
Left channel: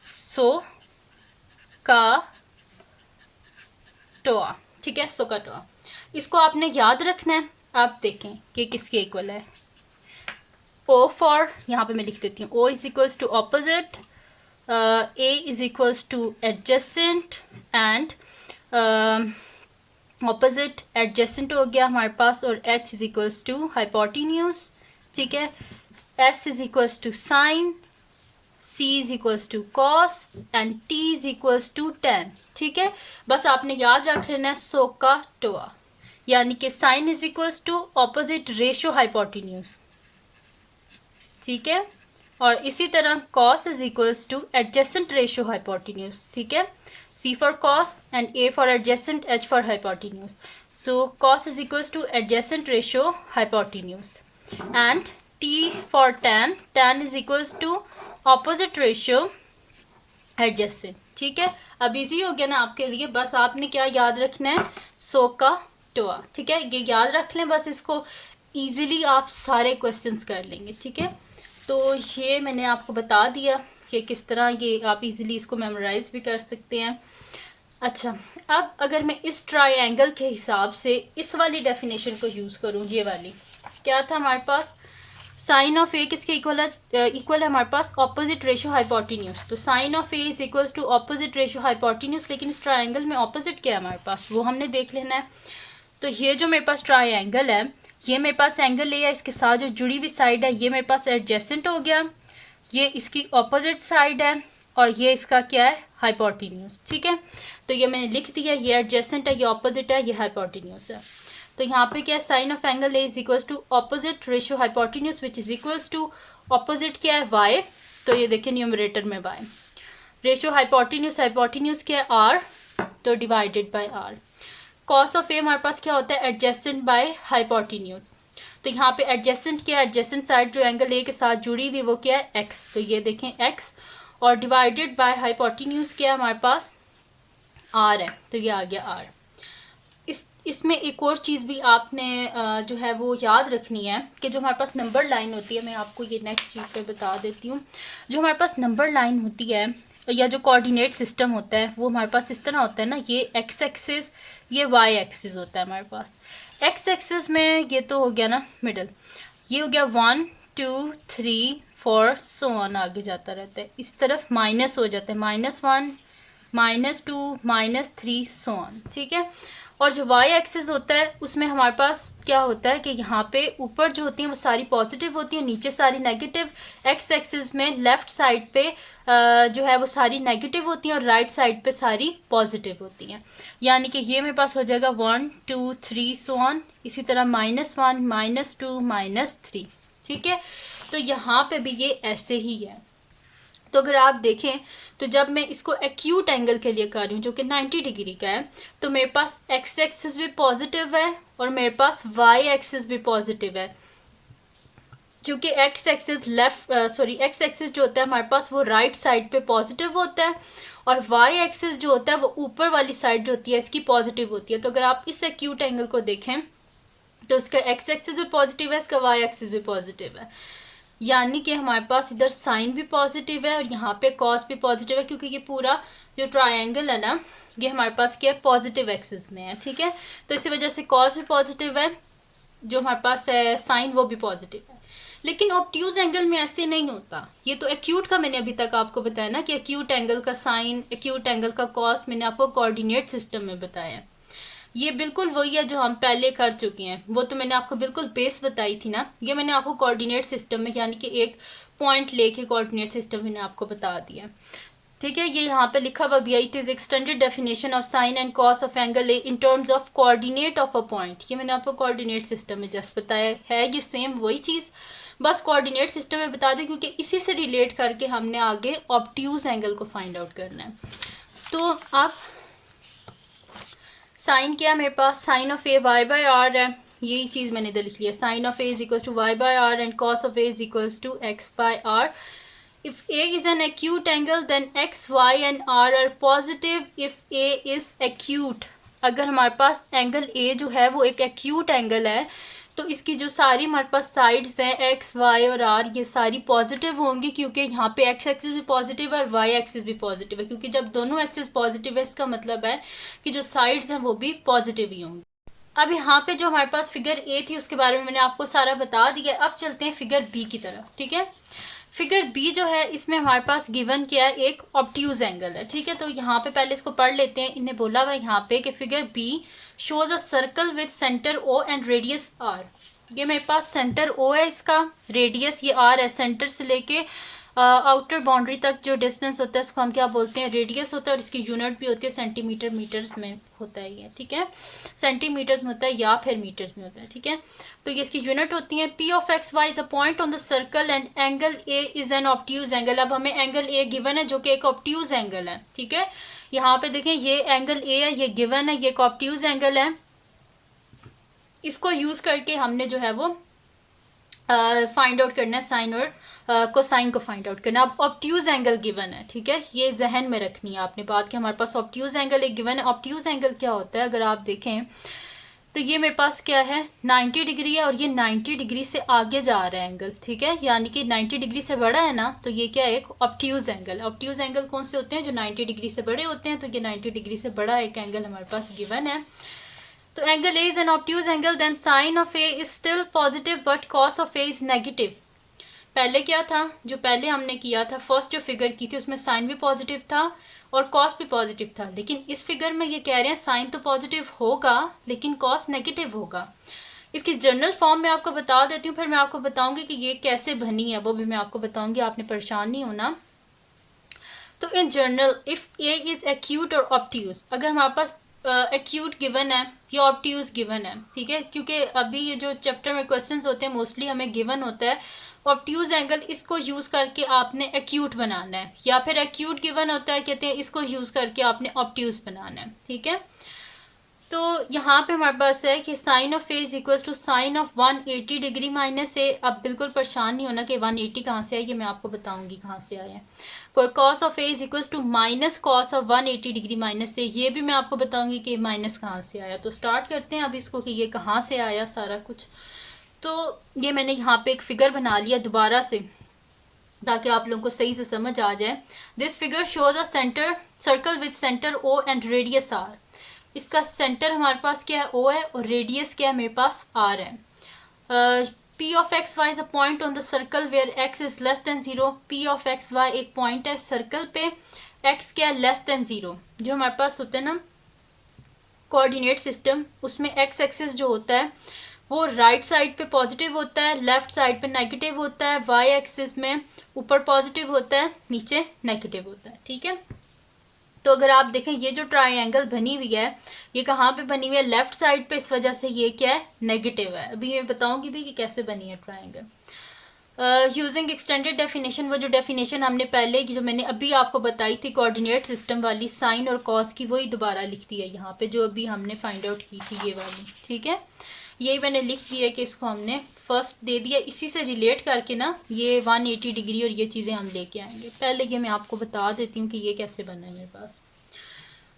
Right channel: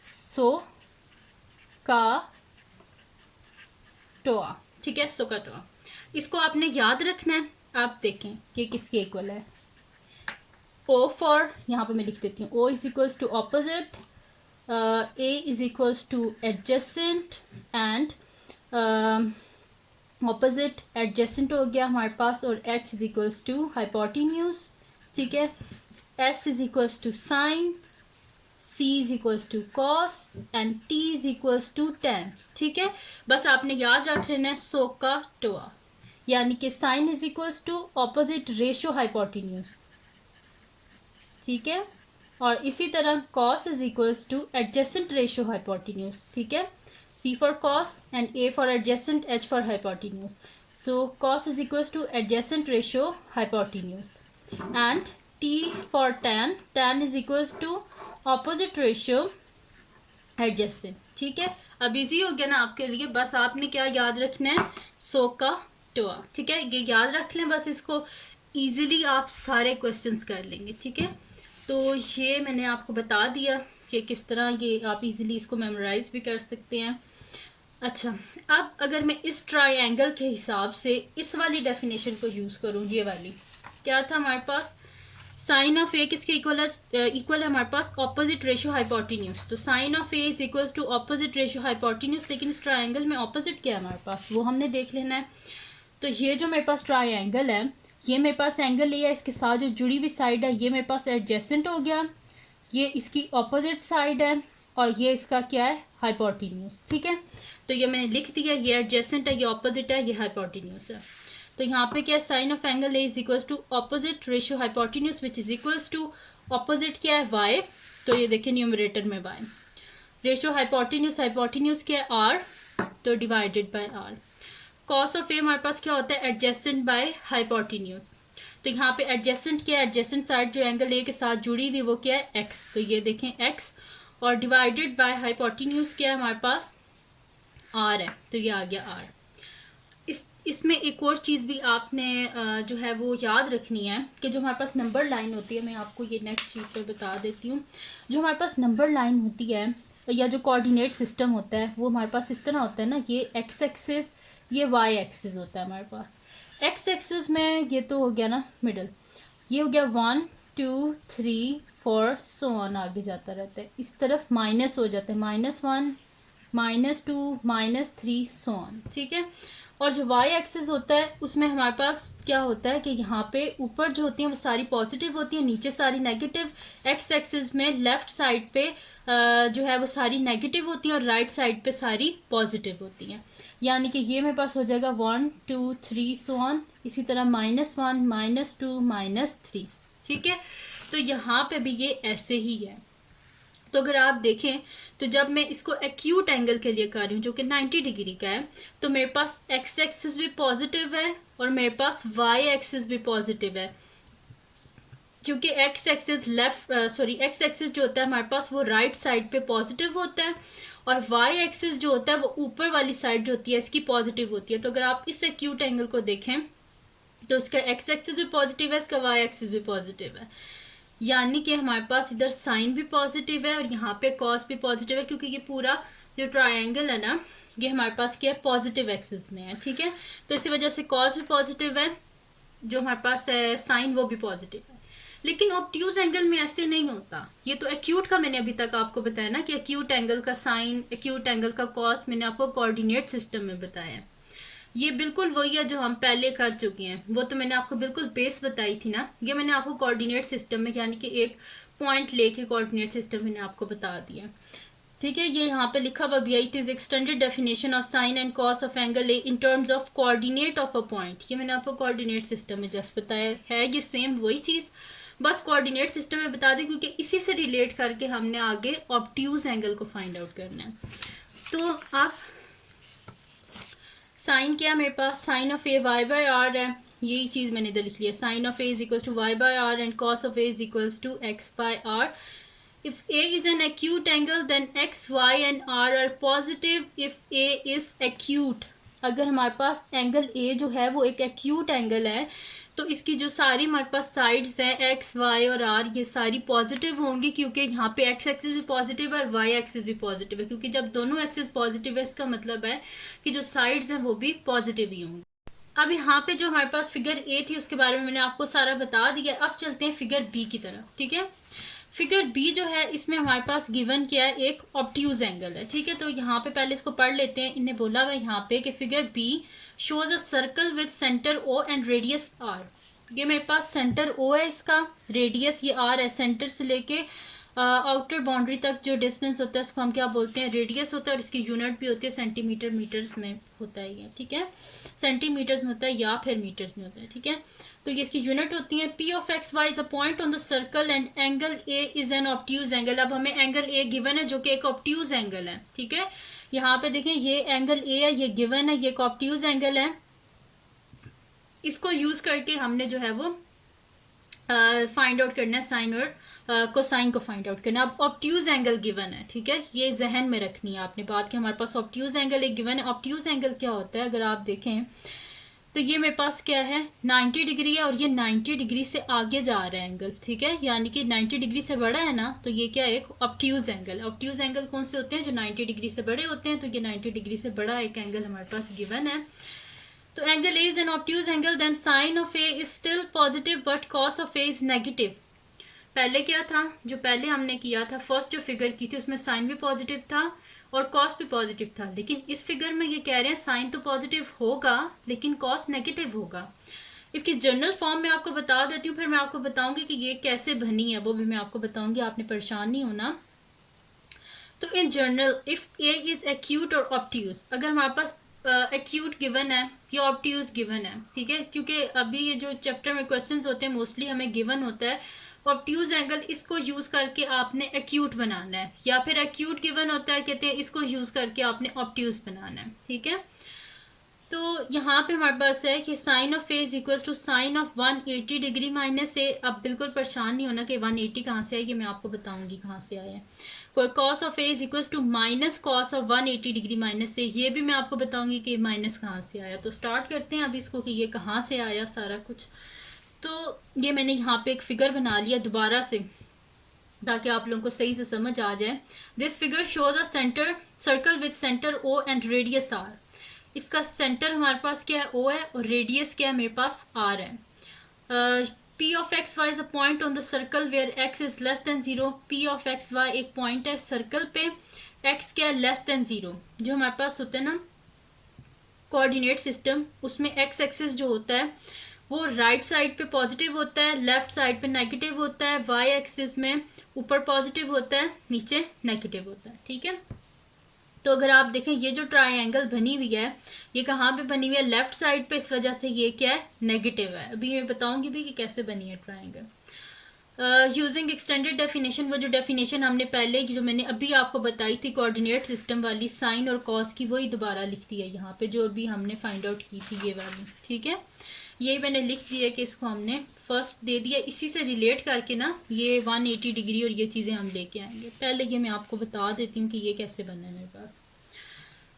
सो का टोआ। ठीक है, सो का टोआ, इसको आपने याद रखना है। आप देखें कि किसके इक्वल है, O फॉर, यहाँ पे मैं लिख देती हूँ, O is equals to opposite, A is equals to adjacent, and opposite adjacent हो गया हमारे पास, और H is equals to hypotenuse. ठीक है, S is equals to sine, C is equals to cos, and T is equals to tan। ठीक है, बस आपने याद रख लेना है सो का टोआ, यानी कि sine is equals to opposite ratio hypotenuse. ठीक है, और इसी तरह cos is equals to adjacent ratio hypotenuse. ठीक है, C for cos and A for adjacent, H for hypotenuse. So cos is equals to adjacent ratio hypotenuse, and T for tan, tan is equals to opposite ratio adjacent. ठीक है, अब easy हो गया ना आपके लिए, बस आपने क्या याद रखना है, सो का टोआ। ठीक है, ये याद रख लें बस, इसको इजीली आप सारे क्वेश्चंस कर लेंगे। ठीक है, तो ये मैंने आपको बता दिया कि किस तरह ये आप इजीली इसको मेमोराइज भी कर सकते हैं। अच्छा, अब अगर मैं इस ट्रायंगल के हिसाब से इस वाली डेफिनेशन को यूज़ करूँ, ये वाली क्या था हमारे पास, साइन ऑफ ए किसके इक्वल है, इक्वल है हमारे पास ऑपोजिट रेशियो हाइपोटेन्यूज। तो sine of A is equal to opposite ratio hypotenuse, लेकिन इस ट्रायंगल में ऑपोजिट क्या है हमारे पास वो हमने देख लेना है। तो ये जो मेरे पास ट्रायंगल है, ये मेरे पास एंगल ए है, इसके साथ जो जुड़ी हुई साइड है ये मेरे पास एडजेसेंट हो गया, ये इसकी ऑपोजिट साइड है, और ये इसका क्या है, हाइपोटेन्यूज। ठीक है, तो ये मैंने लिख दिया, ये एडजेसेंट है, ये ऑपोजिट है, ये हाइपोटेन्यूज है। तो यहाँ पे क्या है, sine of angle A is equals to opposite ratio hypotenuse which is equals to opposite क्या है, वाई। तो ये देखिए न्यूमरेटर में वाई, रेशियो हाइपोटेन्यूज, हाइपोटेन्यूज क्या है, आर, तो divided by R. Cos of A हमारे पास क्या होता है, एडजेसेंट बाय हाइपोटेन्यूज। तो यहाँ पे एडजेसेंट क्या है, एडजेसेंट साइड जो एंगल ए के साथ जुड़ी हुई वो क्या है, एक्स। तो ये देखें एक्स, और डिवाइडेड बाय हाइपोटेन्यूज क्या है हमारे पास, आर है, तो ये आ गया आर। इसमें एक और चीज़ भी आपने जो है वो याद रखनी है कि जो हमारे पास नंबर लाइन होती है, मैं आपको ये नेक्स्ट चीज़ पे बता देती हूँ। जो हमारे पास नंबर लाइन होती है या जो कोऑर्डिनेट सिस्टम होता है वो हमारे पास इस तरह होता है ना, ये एक्स एक्सिस, ये वाई एक्सिस होता है हमारे पास। एक्स एक्सिस में ये तो हो गया ना मिडल, ये हो गया 1 2 3 4 सो ऑन, आगे जाता रहता है। इस तरफ माइनस हो जाता है, -1 -2 -3 सो ऑन। ठीक है, और जो वाई एक्सिस होता है उसमें हमारे पास क्या होता है कि यहाँ पे ऊपर जो होती हैं वो सारी पॉजिटिव होती हैं, नीचे सारी नेगेटिव। एक्स एक्सिस में लेफ्ट साइड पे जो है वो सारी नेगेटिव होती हैं और राइट साइड पे सारी पॉजिटिव होती हैं। यानी कि ये मेरे पास हो जाएगा 1 2 3 सो ऑन, इसी तरह -1 -2 -3। ठीक है, तो यहाँ पे भी ये ऐसे ही है। तो अगर आप देखें तो जब मैं इसको एक्यूट एंगल के लिए कर रही हूँ जो कि 90 डिग्री का है, तो मेरे पास एक्स एक्सिस भी पॉजिटिव है और मेरे पास वाई एक्सिस भी पॉजिटिव है, क्योंकि एक्स एक्सिस एक्स एक्सिस जो होता है हमारे पास वो राइट साइड पे पॉजिटिव होता है, और वाई एक्सिस जो होता है वो ऊपर वाली साइड जो होती है इसकी पॉजिटिव होती है। तो अगर आप इस एक्यूट एंगल को देखें तो इसका एक्स एक्सिस भी पॉजिटिव है, इसका वाई एक्सिस भी पॉजिटिव है, यानी कि हमारे पास इधर साइन भी पॉजिटिव है और यहाँ पे कॉस भी पॉजिटिव है, क्योंकि ये पूरा जो ट्रायंगल है ना ये हमारे पास क्या है, पॉजिटिव एक्सिस में है। ठीक है, तो इसी वजह से कॉस भी पॉजिटिव है, जो हमारे पास है साइन वो भी पॉजिटिव है। लेकिन ऑब्ट्यूज एंगल में ऐसे नहीं होता। ये तो एक्यूट का मैंने अभी तक आपको बताया ना कि एक्यूट एंगल का साइन, एक्यूट एंगल का कॉस मैंने आपको कोऑर्डिनेट सिस्टम में बताया है। ये बिल्कुल वही है जो हम पहले कर चुके हैं, वो तो मैंने आपको बिल्कुल बेस बताई थी ना। ये मैंने आपको कोऑर्डिनेट सिस्टम में यानी कि एक पॉइंट लेके कोऑर्डिनेट सिस्टम मैंने आपको बता दिया। ठीक है, ये यहाँ पे लिखा हुआ भी है, it is extended definition of sine and cos of angle A in terms of coordinate of a point. ये मैंने आपको कोऑर्डिनेट सिस्टम में जस्ट बताया है, ये सेम वही चीज़, बस कोऑर्डिनेट सिस्टम में बता दें क्योंकि इसी से रिलेट करके हमने आगे ऑब्ट्यूज एंगल को फाइंड आउट करना है। तो आप साइन क्या है मेरे पास, sine of A Y by R है, यही चीज़ मैंने इधर लिख लिया, sine of A is equals to Y by are and cos of A is equals to X by R. If A is an acute angle, then X, Y and R are positive if A is acute। अगर हमारे पास angle A जो है वो एक acute angle है तो इसकी जो सारी हमारे पास साइड्स हैं X, Y और R ये सारी पॉजिटिव होंगी, क्योंकि यहाँ पे X एक्सिस भी पॉजिटिव है और Y एक्सिस भी पॉजिटिव है, क्योंकि जब दोनों एक्सिस पॉजिटिव है इसका मतलब है कि जो साइड्स हैं वो भी पॉजिटिव ही होंगी। अब यहाँ पे जो हमारे पास फिगर A थी उसके बारे में मैंने आपको सारा बता दिया। अब चलते हैं फिगर B की तरफ। ठीक है, फिगर बी जो है इसमें हमारे पास गिवन क्या है, एक ऑब्ट्यूज एंगल है। ठीक है, तो यहाँ पे पहले इसको पढ़ लेते हैं। इन्हें बोला हुआ है यहाँ पे कि figure B shows a circle with centre O and radius R. ये मेरे पास सेंटर ओ है, इसका रेडियस ये आर है। सेंटर से लेके आउटर बाउंड्री तक जो डिस्टेंस होता है इसको हम क्या बोलते हैं, रेडियस होता है, और इसकी यूनिट भी होती है सेंटीमीटर, मीटर्स में होता है ये। ठीक है, सेंटीमीटर्स में होता है या फिर मीटर्स में होता है। ठीक है, तो ये इसकी यूनिट होती है। P of X Y is a point on the circle and angle A is an obtuse angle. अब हमें एंगल ए गिवन है जो कि एक ऑब्ट्यूज एंगल है। ठीक है, यहाँ पे देखें ये एंगल ए है, ये गिवन है, ये एक ऑब्ट्यूज एंगल है। इसको यूज करके हमने जो है वो फाइंड आउट करना है साइन और कोसाइन को फाइंड आउट करना है। अब ऑब्ट्यूज एंगल गिवन है। ठीक है, ये जहन में रखनी है आपने बात कि हमारे पास ऑब्ट्यूज एंगल एक गिवन है। ऑब्ट्यूज एंगल क्या होता है, अगर आप देखें तो ये मेरे पास क्या है 90 डिग्री है, और ये 90 डिग्री से आगे जा रहा है एंगल। ठीक है, यानी कि 90 डिग्री से बड़ा है ना, तो ये क्या है, एक ऑब्ट्यूज एंगल। ऑब्ट्यूज एंगल कौन से होते हैं, जो 90 डिग्री से बड़े होते हैं। तो ये 90 डिग्री से बड़ा एक एंगल हमारे पास गिवन है। तो angle A is an obtuse angle, then sine of A is still positive but cos of A is negative. पहले क्या था, जो पहले हमने किया था, फर्स्ट जो फिगर की थी उसमें साइन भी पॉजिटिव था और कॉस भी पॉजिटिव था, लेकिन इस फिगर में ये कह रहे हैं साइन तो पॉजिटिव होगा लेकिन कॉस नेगेटिव होगा। इसकी जनरल फॉर्म में आपको बता देती हूँ, फिर मैं आपको बताऊंगी कि ये कैसे बनी है, वो भी मैं आपको बताऊंगी, आपने परेशान नहीं होना। तो in general if A is acute और ऑब्ट्यूज, अगर हमारे पास एक्यूट गिवन है या ऑब्ट्यूज गिवन है। ठीक है, क्योंकि अभी ये जो चैप्टर में क्वेश्चंस होते हैं मोस्टली हमें गिवन होता है ऑब्ट्यूज एंगल, इसको यूज करके आपने एक्यूट बनाना है, या फिर एक्यूट गिवन होता है कहते हैं इसको यूज करके आपने ऑब्ट्यूज बनाना है। ठीक है, तो यहाँ पे हमारे पास है कि sine of A is equal to sine of 180 degree minus A. अब बिल्कुल परेशान नहीं होना कि 180 कहाँ से आया, ये मैं आपको बताऊंगी कहाँ से आया है। कोई cos of A is equal to minus cos of 180 degree minus A, ये भी मैं आपको बताऊंगी कि माइनस कहाँ से आया। तो स्टार्ट करते हैं अब इसको कि ये कहाँ से आया सारा कुछ। तो ये मैंने यहाँ पे एक फिगर बना लिया दोबारा से ताकि आप लोगों को सही से समझ आ जाए। This figure shows a centre circle with centre O and radius R. इसका सेंटर हमारे पास क्या है, ओ है, और रेडियस क्या है मेरे पास, आर है। P of X Y is a point on the circle where X is less than 0। P of X Y एक पॉइंट है सर्कल पे, एक्स क्या है, लेस देन 0। जो हमारे पास होता है ना कोऑर्डिनेट सिस्टम, उसमें एक्स एक्सिस जो होता है वो राइट साइड पे पॉजिटिव होता है, लेफ्ट साइड पे नेगेटिव होता है। वाई एक्सिस में ऊपर पॉजिटिव होता है, नीचे नेगेटिव होता है। ठीक है, तो अगर आप देखें ये जो ट्राइंगल बनी हुई है ये कहाँ पे बनी हुई है, लेफ्ट साइड पे, इस वजह से ये क्या है, नेगेटिव है। अभी मैं बताऊंगी भी कि कैसे बनी है ट्राइंगल यूजिंग एक्सटेंडेड डेफिनेशन। वो जो डेफिनेशन हमने पहले जो मैंने अभी आपको बताई थी कोऑर्डिनेट सिस्टम वाली, साइन और कॉस की, वही दोबारा लिख दी है यहाँ पे जो अभी हमने फाइंड आउट की थी ये वाली। ठीक है, यही मैंने लिख दिया कि इसको हमने फर्स्ट दे दिया, इसी से रिलेट करके ना ये 180 डिग्री और ये चीज़ें हम लेके आएंगे। पहले ये मैं आपको बता देती हूँ कि ये कैसे बना है मेरे पास।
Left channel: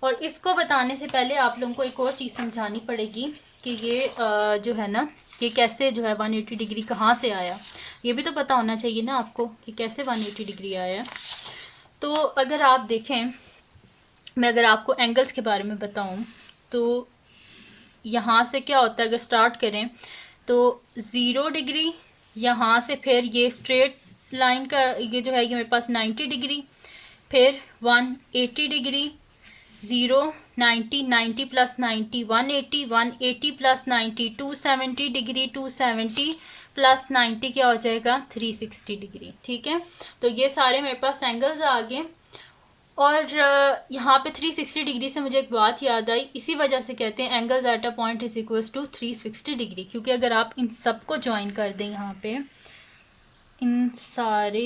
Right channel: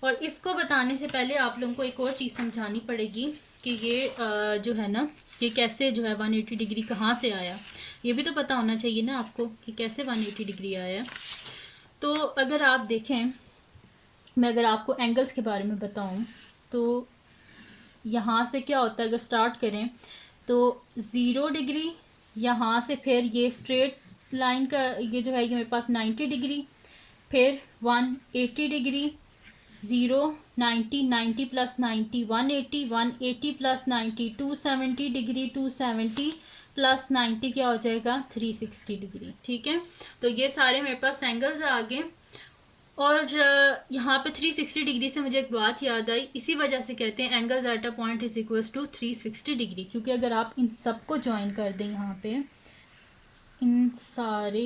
और इसको बताने से पहले आप लोगों को एक और चीज़ समझानी पड़ेगी कि ये जो है ना ये कैसे जो है 180 डिग्री कहाँ से आया, ये भी तो पता होना चाहिए ना आपको कि कैसे 180 डिग्री आया। तो अगर आप देखें, मैं अगर आपको एंगल्स के बारे में बताऊँ तो यहाँ से क्या होता है, अगर स्टार्ट करें तो 0 डिग्री, यहाँ से फिर ये स्ट्रेट लाइन का ये जो है ये मेरे पास 90 डिग्री, फिर 180 degree, 0, 90, 90 plus 90 180, 180 plus 90 270 degree, 270 plus 90 क्या हो जाएगा 360 डिग्री। ठीक है, तो ये सारे मेरे पास एंगल्स आ गए। और यहाँ पे 360 डिग्री से मुझे एक बात याद आई, इसी वजह से कहते हैं angles at a point is equals to 360 degree, क्योंकि अगर आप इन सबको ज्वाइन कर दें, यहाँ पे इन सारे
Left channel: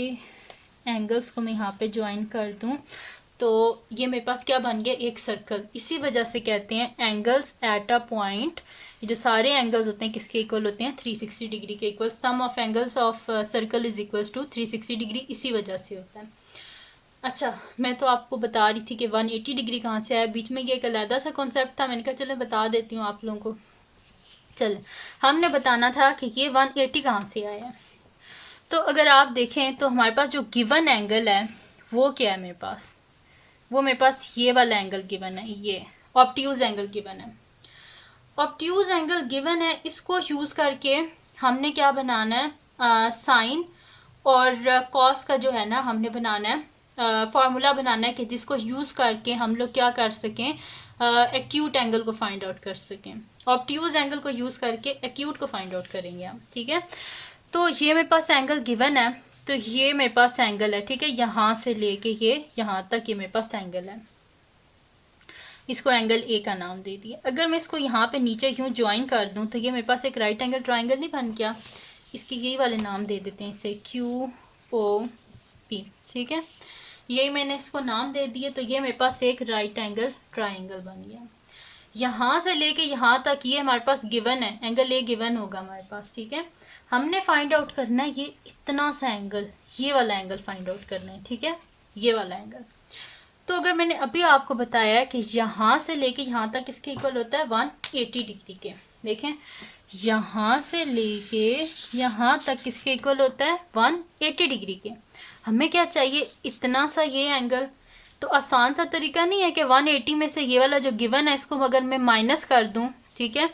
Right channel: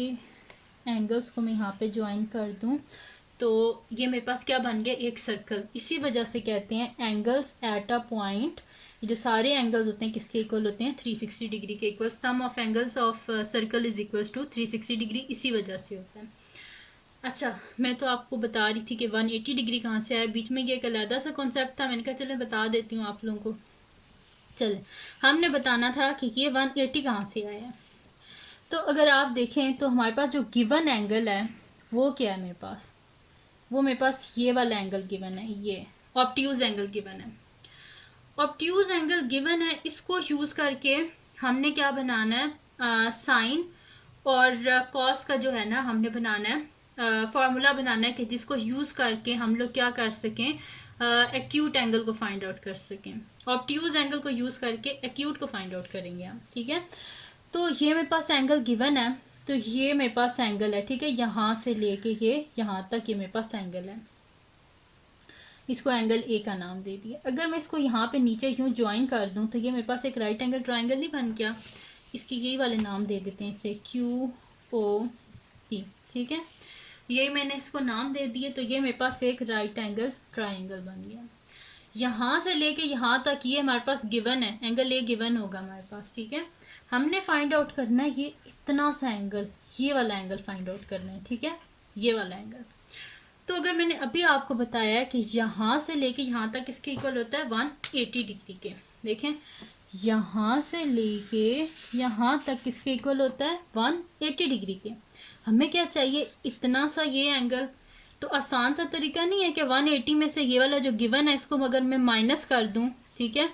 एंगल्स को मैं यहाँ पे ज्वाइन कर दूँ तो ये मेरे पास क्या बन गया, एक सर्कल। इसी वजह से कहते हैं एंगल्स एट अ पॉइंट, ये जो सारे एंगल्स होते हैं किसके इक्वल होते हैं 360 डिग्री के equal. Sum of angles of circle is equals to 360 degree, इसी वजह से होता है। अच्छा, मैं तो आपको बता रही थी कि 180 डिग्री कहाँ से आया, बीच में ये एक अलहदा सा कॉन्सेप्ट था, मैंने कहा चलो बता देती हूँ आप लोगों को। चले, हमने बताना था कि ये 180 कहाँ से आया है। तो अगर आप देखें तो हमारे पास जो गिवन एंगल है वो क्या है मेरे पास, वो मेरे पास ये वाला एंगल गिवन है, ये ऑब्ट्यूज एंगल गिवन है। ऑब्ट्यूज एंगल गिवन है, इसको यूज़ करके हमने क्या बनाना है, साइन और कॉस का जो है ना हमने बनाना है फार्मूला बनाना है कि जिसको यूज़ करके हम लोग क्या कर सकें, एक्यूट एंगल को फाइंड आउट कर सकें। ऑब्ट्यूज एंगल को यूज़ करके एक्यूट को फाइंड आउट करेंगे हम। ठीक है, तो ये मेरे पास एंगल गिवन है, तो ये मेरे पास एंगल है। ठीक है, यहाँ से लेके ये यहाँ तक ये मेरे पास एंगल है, इसको एंगल ए का नाम दे दिया। अगर मैं इसको यहाँ पे नीचे यूँ ज्वाइन कर दूँ तो ये मेरे पास एक राइट एंगल ट्राइंगल नहीं बन गया, इसके यही वाले नाम दे देते हैं इसे क्यू ओ पी। ठीक है, यही मैंने इसको नाम दे दिए, तो ये मेरे पास एक राइट एंगल ट्राइंगल बन गया। यहाँ से लेके यहाँ तक ये हमारे पास गिवन है, एंगल ए गिवन होगा हमारे पास। ठीक है, हमने फाइंड आउट करना है ये इतना सा एंगल, ये वाला एंगल फाइंड आउट करना है। ठीक है, ये वाला एंगल। तो अगर मैंने अभी आपको बताया है कि यहाँ से लेके यहाँ तक इसके इक्वल होता है 180 डिग्री के, देखें यहाँ से लेके यहाँ तक किसके इक्वल होता है 180 डिग्री के। हमें क्या चाहिए, इतना सा ये एंगल। तो आसान सा तरीका नहीं है कि 180 में से ये वाला जो गिवन है इसको अगर मैं माइनस कर दूं, ठीक है,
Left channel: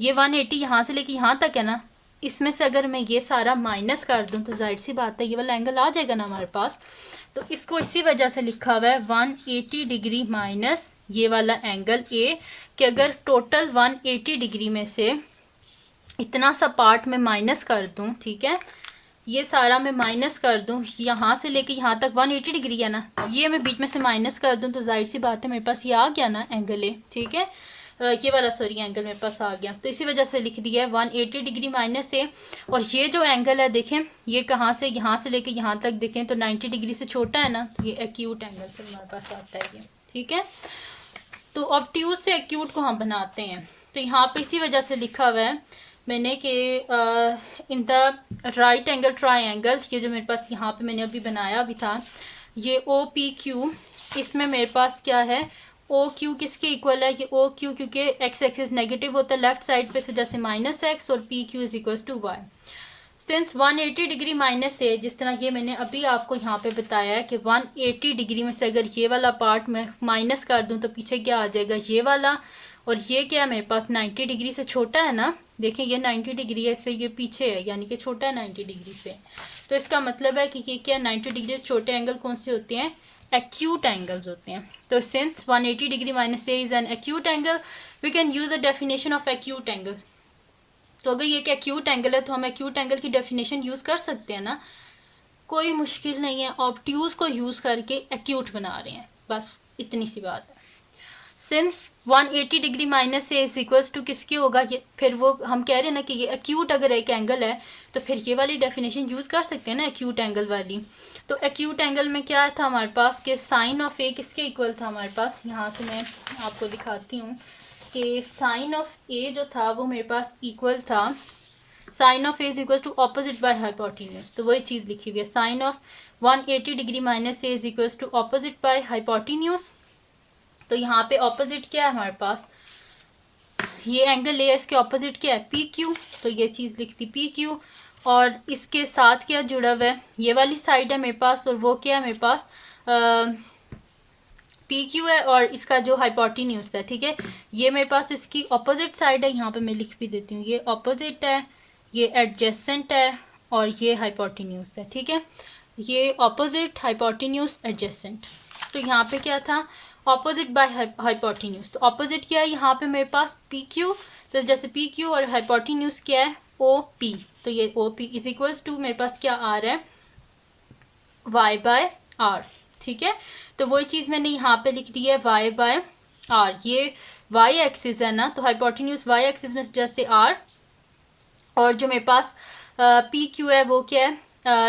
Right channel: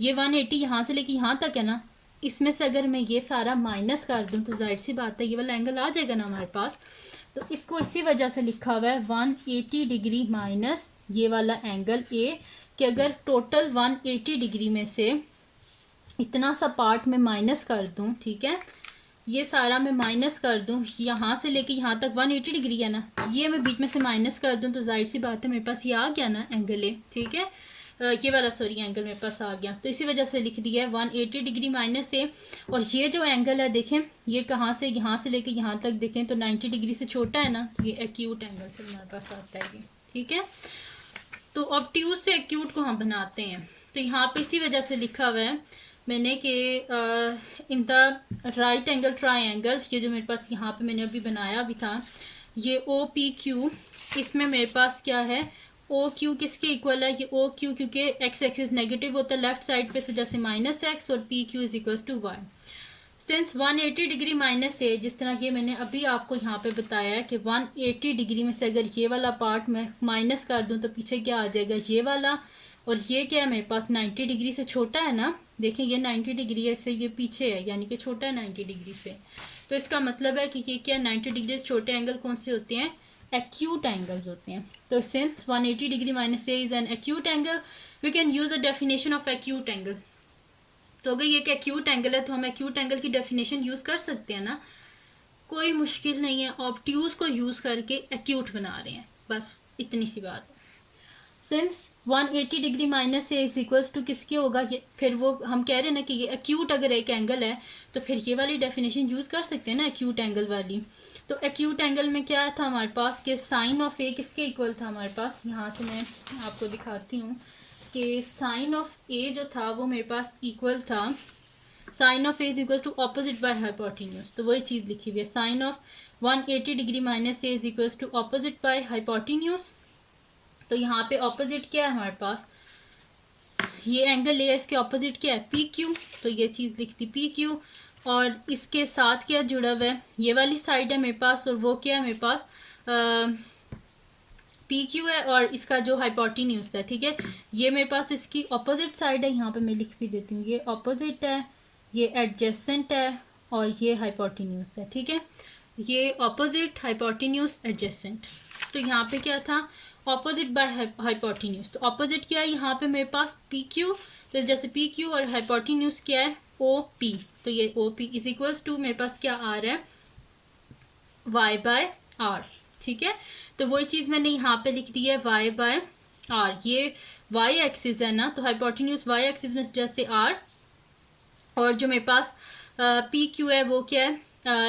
ये 180 यहाँ से लेके यहाँ तक है ना, इसमें से अगर मैं ये सारा माइनस कर दूं तो जाहिर सी बात है ये वाला एंगल आ जाएगा ना हमारे पास। तो इसको इसी वजह से लिखा हुआ है 180 डिग्री माइनस ये वाला एंगल ए, कि अगर टोटल 180 डिग्री में से इतना सा पार्ट में माइनस कर दूं, ठीक है, ये सारा मैं माइनस कर दूं, यहाँ से लेके यहाँ तक 180 डिग्री है ना, ये मैं बीच में से माइनस कर दूं तो जाहिर सी बात है मेरे पास ये आ गया ना एंगल ए। ठीक है, ये वाला सॉरी एंगल मेरे पास आ गया, तो इसी वजह से लिख दिया है 180 डिग्री माइनस ए। और ये जो एंगल है देखें ये कहाँ से, यहाँ से लेके यहाँ तक देखें तो 90 डिग्री से छोटा है ना, तो ये एक्यूट एंगल फिर हमारे पास आता है ये। ठीक है, तो ऑब्ट्यूज से एक्यूट को हम बनाते हैं, तो यहाँ पे इसी वजह से लिखा हुआ है मैंने कि in the right angle triangle, ये जो मेरे पास यहाँ पे मैंने अभी बनाया भी था ये ओ पी क्यू, इसमें मेरे पास क्या है ओ क्यू किसके इक्वल है, ये ओ क्यू क्योंकि एक्स एक्सिस नेगेटिव होता है लेफ्ट साइड पे, जैसे माइनस एक्स, और P Q is equal to Y. Since 180 degree minus है, जिस तरह ये मैंने अभी आपको यहाँ पे बताया है कि 180 डिग्री में से अगर ये वाला पार्ट मैं माइनस कर दूँ तो पीछे क्या आ जाएगा ये वाला, और ये क्या है मेरे पास 90 डिग्री से छोटा है ना, देखें ये 90 डिग्री है से ये पीछे है, यानी कि छोटा है 90 डिग्री से। तो इसका मतलब है कि ये क्या 90 डिग्री से छोटे एंगल कौन से होते हैं, एक्यूट एंगल्स होते हैं। तो since 180 degree minus A is an acute angle, we can use a definition of acute angles. तो अगर ये एक्यूट एंगल है तो हम एक्यूट एंगल की डेफिनेशन यूज़ कर सकते हैं ना, कोई मुश्किल नहीं है, ऑब्ट्यूज को यूज़ करके एक्यूट बना रहे हैं, बस इतनी सी बात है। सिंस 180 डिग्री माइनस से इज इक्वल्स टू किसके होगा, ये फिर वो हम कह रहे हैं ना कि ये एक्यूट अगर एक एंगल है तो फिर ये वाली डेफिनेशन यूज़ कर सकते हैं ना एक्यूट एंगल वाली। तो एक्यूट एंगल में क्या था हमारे पास कि साइन ऑफ ए किसके इक्वल था हमारे पास, यहाँ से मैं आपको दिखाती हूँ कि साइन ऑफ ए जो था वो मेरे पास इक्वल था, sine of A is equal to opposite by hypotenuse. तो वही चीज़ लिखी हुई है, sine of 180 degree minus A is equal to opposite by hypotenuse. तो यहाँ पे ऑपोजिट क्या है हमारे पास, ये एंगल ए, इसके ऑपोजिट क्या है पी क्यू, तो ये चीज़ लिखती पी क्यू, और इसके साथ क्या जुड़ा हुआ है, ये वाली साइड है मेरे पास, और वो क्या है मेरे पास पी क्यू है, और इसका जो हाइपोटेन्यूज है, ठीक है, ये मेरे पास इसकी ऑपोजिट साइड है, यहाँ पे मैं लिख भी देती हूँ, ये ऑपोजिट है, ये एडजेसेंट है, और ये हाइपोटेन्यूज है, ठीक है। ये ऑपोजिट, हाइपोटेन्यूज, एडजेसेंट। तो यहाँ पे क्या था, ऑपोजिट बाय हाइपोटेन्यूज। तो ऑपोजिट क्या है, यहाँ पे मेरे पास पी क्यू, तो जैसे पी क्यू और हाइपोटेन्यूज क्या है ओ पी, तो ये O P is equals to मेरे पास क्या आ रहा है वाई बाय आर, ठीक है। तो वही चीज़ मैंने यहाँ पे लिख दी है वाई बाय आर। ये वाई एक्सिस है ना, तो हाइपोटेन्यूज वाई एक्सिस में जैसे आर, और जो मेरे पास पी क्यू है वो क्या है,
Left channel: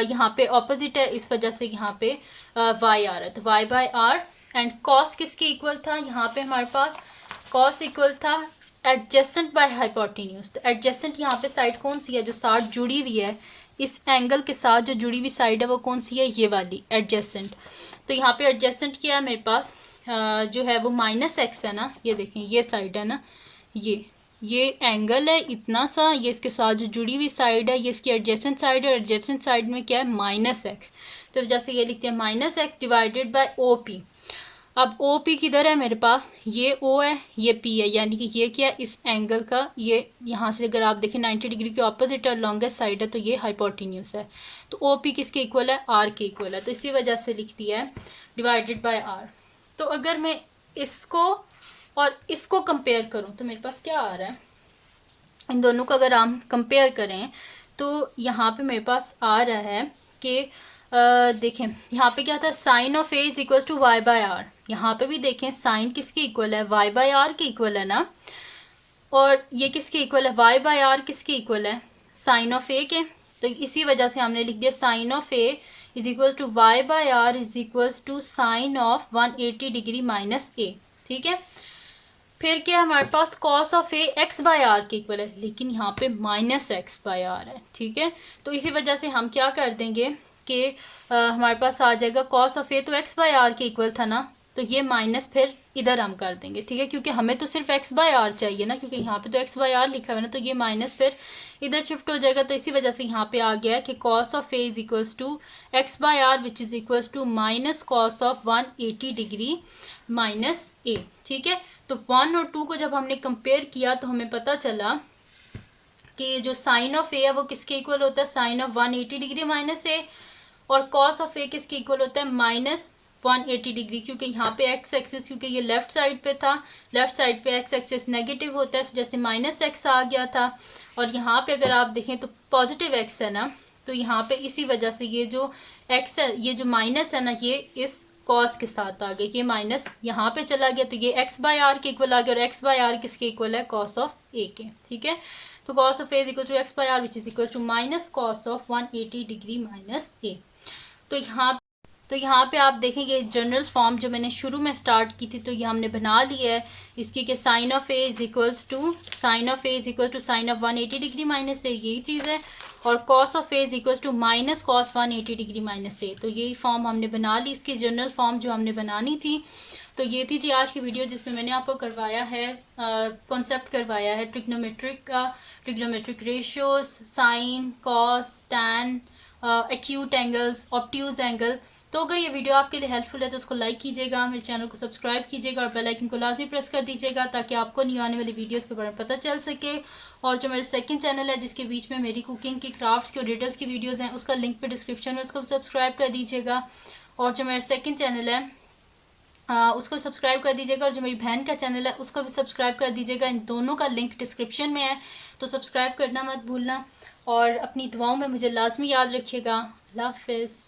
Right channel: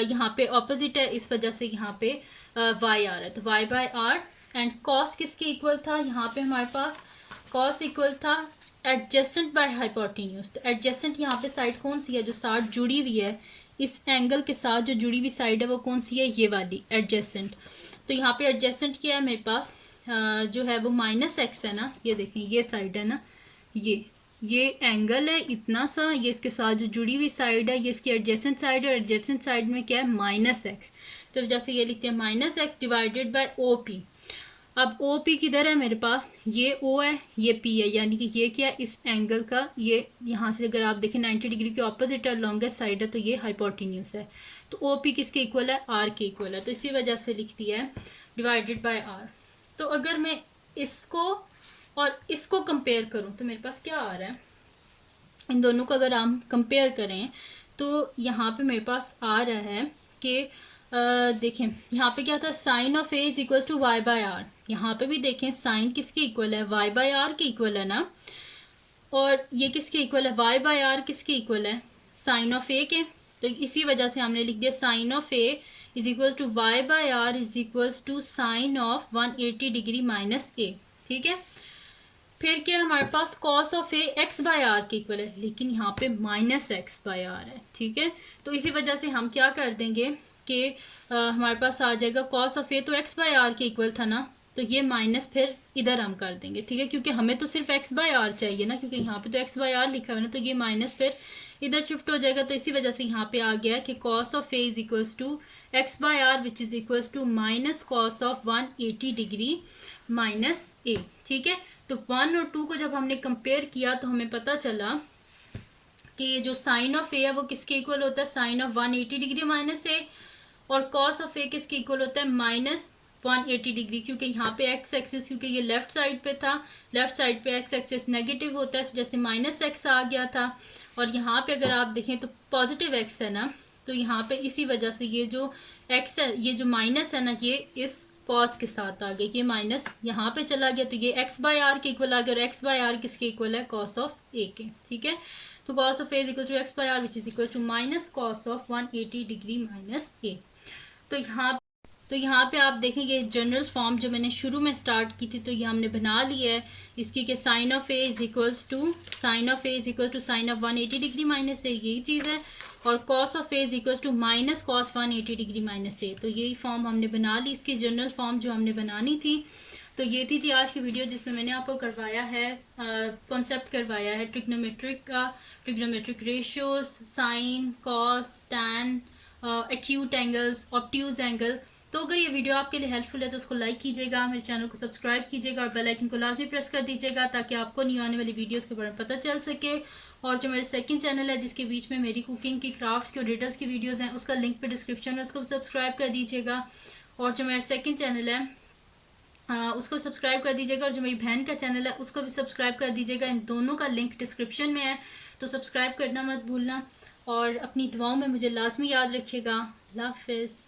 यहाँ पे ऑपोजिट है, इस वजह से यहाँ पे वाई आ रहा है, तो y by are. And cos किसके इक्वल था, यहाँ पे हमारे पास कॉस इक्वल था एडजेसेंट बाय हाइपोटेन्यूज। तो एडजेसेंट यहाँ पे साइड कौन सी है, जो साथ जुड़ी हुई है, इस एंगल के साथ जो जुड़ी हुई साइड है वो कौन सी है, ये वाली एडजेसेंट। तो यहाँ पे एडजेसेंट क्या है मेरे पास, जो है वो -x है ना, ये देखें ये साइड है ना, ये एंगल है इतना सा, ये इसके साथ जो जुड़ी हुई साइड है ये इसकी एडजेसेंट साइड है, और एडजेसेंट साइड में क्या है -x। तो जैसे ये लिखते हैं -x divided by O P. अब ओ पी किधर है मेरे पास, ये ओ है ये पी है, यानी कि ये क्या है इस एंगल का, ये यहाँ से अगर आप देखें 90 डिग्री के ऑपोजिट और लॉन्गेस्ट साइड है, तो ये हाइपोटेन्यूज है। तो ओ पी किसके इक्वल है, आर के इक्वल है, तो इसी वजह से लिख दिया है डिवाइडेड बाय आर। तो अगर मैं इसको और इसको कंपेयर करूं तो मेरे पास क्या आ रहा है, इन दोनों को अगर हम कंपेयर करें तो यहाँ पे मेरे पास आ रहा है कि देखें यहाँ पे क्या था, sine of A is equal to Y by R. यहाँ पे भी देखें साइन किसके इक्वल है, वाई बाय आर के इक्वल है ना, और ये किसके इक्वल है, वाई बाय आर किसके इक्वल है, साइन ऑफ ए के। तो इसी वजह से हमने लिख दिया sine of A is equal to Y by R is equal to sine of 180 degree minus A, ठीक है। फिर क्या हमारे पास cos of A X by R के इक्वल है, लेकिन यहाँ पे -x बाय आर है, ठीक है। तो इसी वजह से हम क्या कर देंगे कि हमारे पास आ जाएगा कॉस ऑफ ए, तो x बाय आर के इक्वल था ना, तो ये माइनस फिर इधर हम कर देंगे, ठीक है, क्योंकि हमें तो सिर्फ x बाय आर चाहिए ना, क्योंकि यहाँ पे तो x बाय आर लिखा हुआ है ना, तो ये माइनस फिर इधर शिफ्ट हो जाएगा। तो इसी वजह से यहाँ पे आ गया कि cos of A is equals to X by R which is equals to minus cos of 180 degree minus A, ठीक है। तो 1 और 2 को जब हमने कंपेयर किया तो हमें पता चला कि जो साइन ऑफ ए है वो किसके इक्वल होता है, साइन ऑफ 180 डिग्री माइनस ए, और कॉस ऑफ ए किसके इक्वल होता है, -180 डिग्री, क्योंकि यहाँ पे एक्स एक्सिस, क्योंकि ये लेफ्ट साइड पे था, लेफ्ट साइड पे एक्स एक्सिस नेगेटिव होता है, जैसे -x आ गया था, और यहाँ पे अगर आप देखें तो पॉजिटिव x है ना, तो यहाँ पे इसी वजह से ये जो x है, ये जो माइनस है ना, ये इस कॉस के साथ आ गया कि माइनस यहाँ पे चला गया, तो ये x बाय आर के इक्वल आ गया, और x बाय आर किसके इक्वल है, कॉस ऑफ ए के, ठीक है। तो cos of A is equal to X by R which is equal to minus cos of 180 degree minus A. तो यहाँ पे आप देखेंगे जनरल फॉर्म जो मैंने शुरू में स्टार्ट की थी, तो ये हमने बना लिया है इसकी कि sine of A is equals to sine of 180 degree minus A, यही चीज़ है, और cos of A is equals to minus cos 180 degree minus A. तो यही फॉर्म हमने बना ली, इसकी जनरल फॉर्म जो हमने बनानी थी। तो ये थी जी आज की वीडियो, जिसमें मैंने आपको करवाया है कॉन्सेप्ट करवाया है ट्रिग्नोमेट्रिक का, trigonometric ratios, sine, cos, tan, acute angles, obtuse angle. तो अगर ये वीडियो आपके लिए हेल्पफुल है तो उसको लाइक कीजिएगा, मेरे चैनल को सब्सक्राइब कीजिएगा, और बेल आइकन को लाजमी प्रेस कर दीजिएगा ताकि आपको न्यू आने वाली वीडियोस के बारे में पता चल सके। और जो मेरे सेकंड चैनल है जिसके बीच में मेरी कुकिंग की, क्राफ्ट्स की और रिडल्स की वीडियोस हैं, उसका लिंक पे डिस्क्रिप्शन में, उसको सब्सक्राइब कर दीजिएगा। और जो मेरा सेकंड चैनल है उसको सब्सक्राइब कर दीजिएगा, और जो मेरी बहन का चैनल है उसको भी सब्सक्राइब कर दीजिएगा। इन दोनों का लिंक डिस्क्रिप्शन में है, तो सब्सक्राइब करना मत भूलना, और अपनी दुआओं में मुझे लाजमी याद रखिएगा। अल्लाह हाफिज़।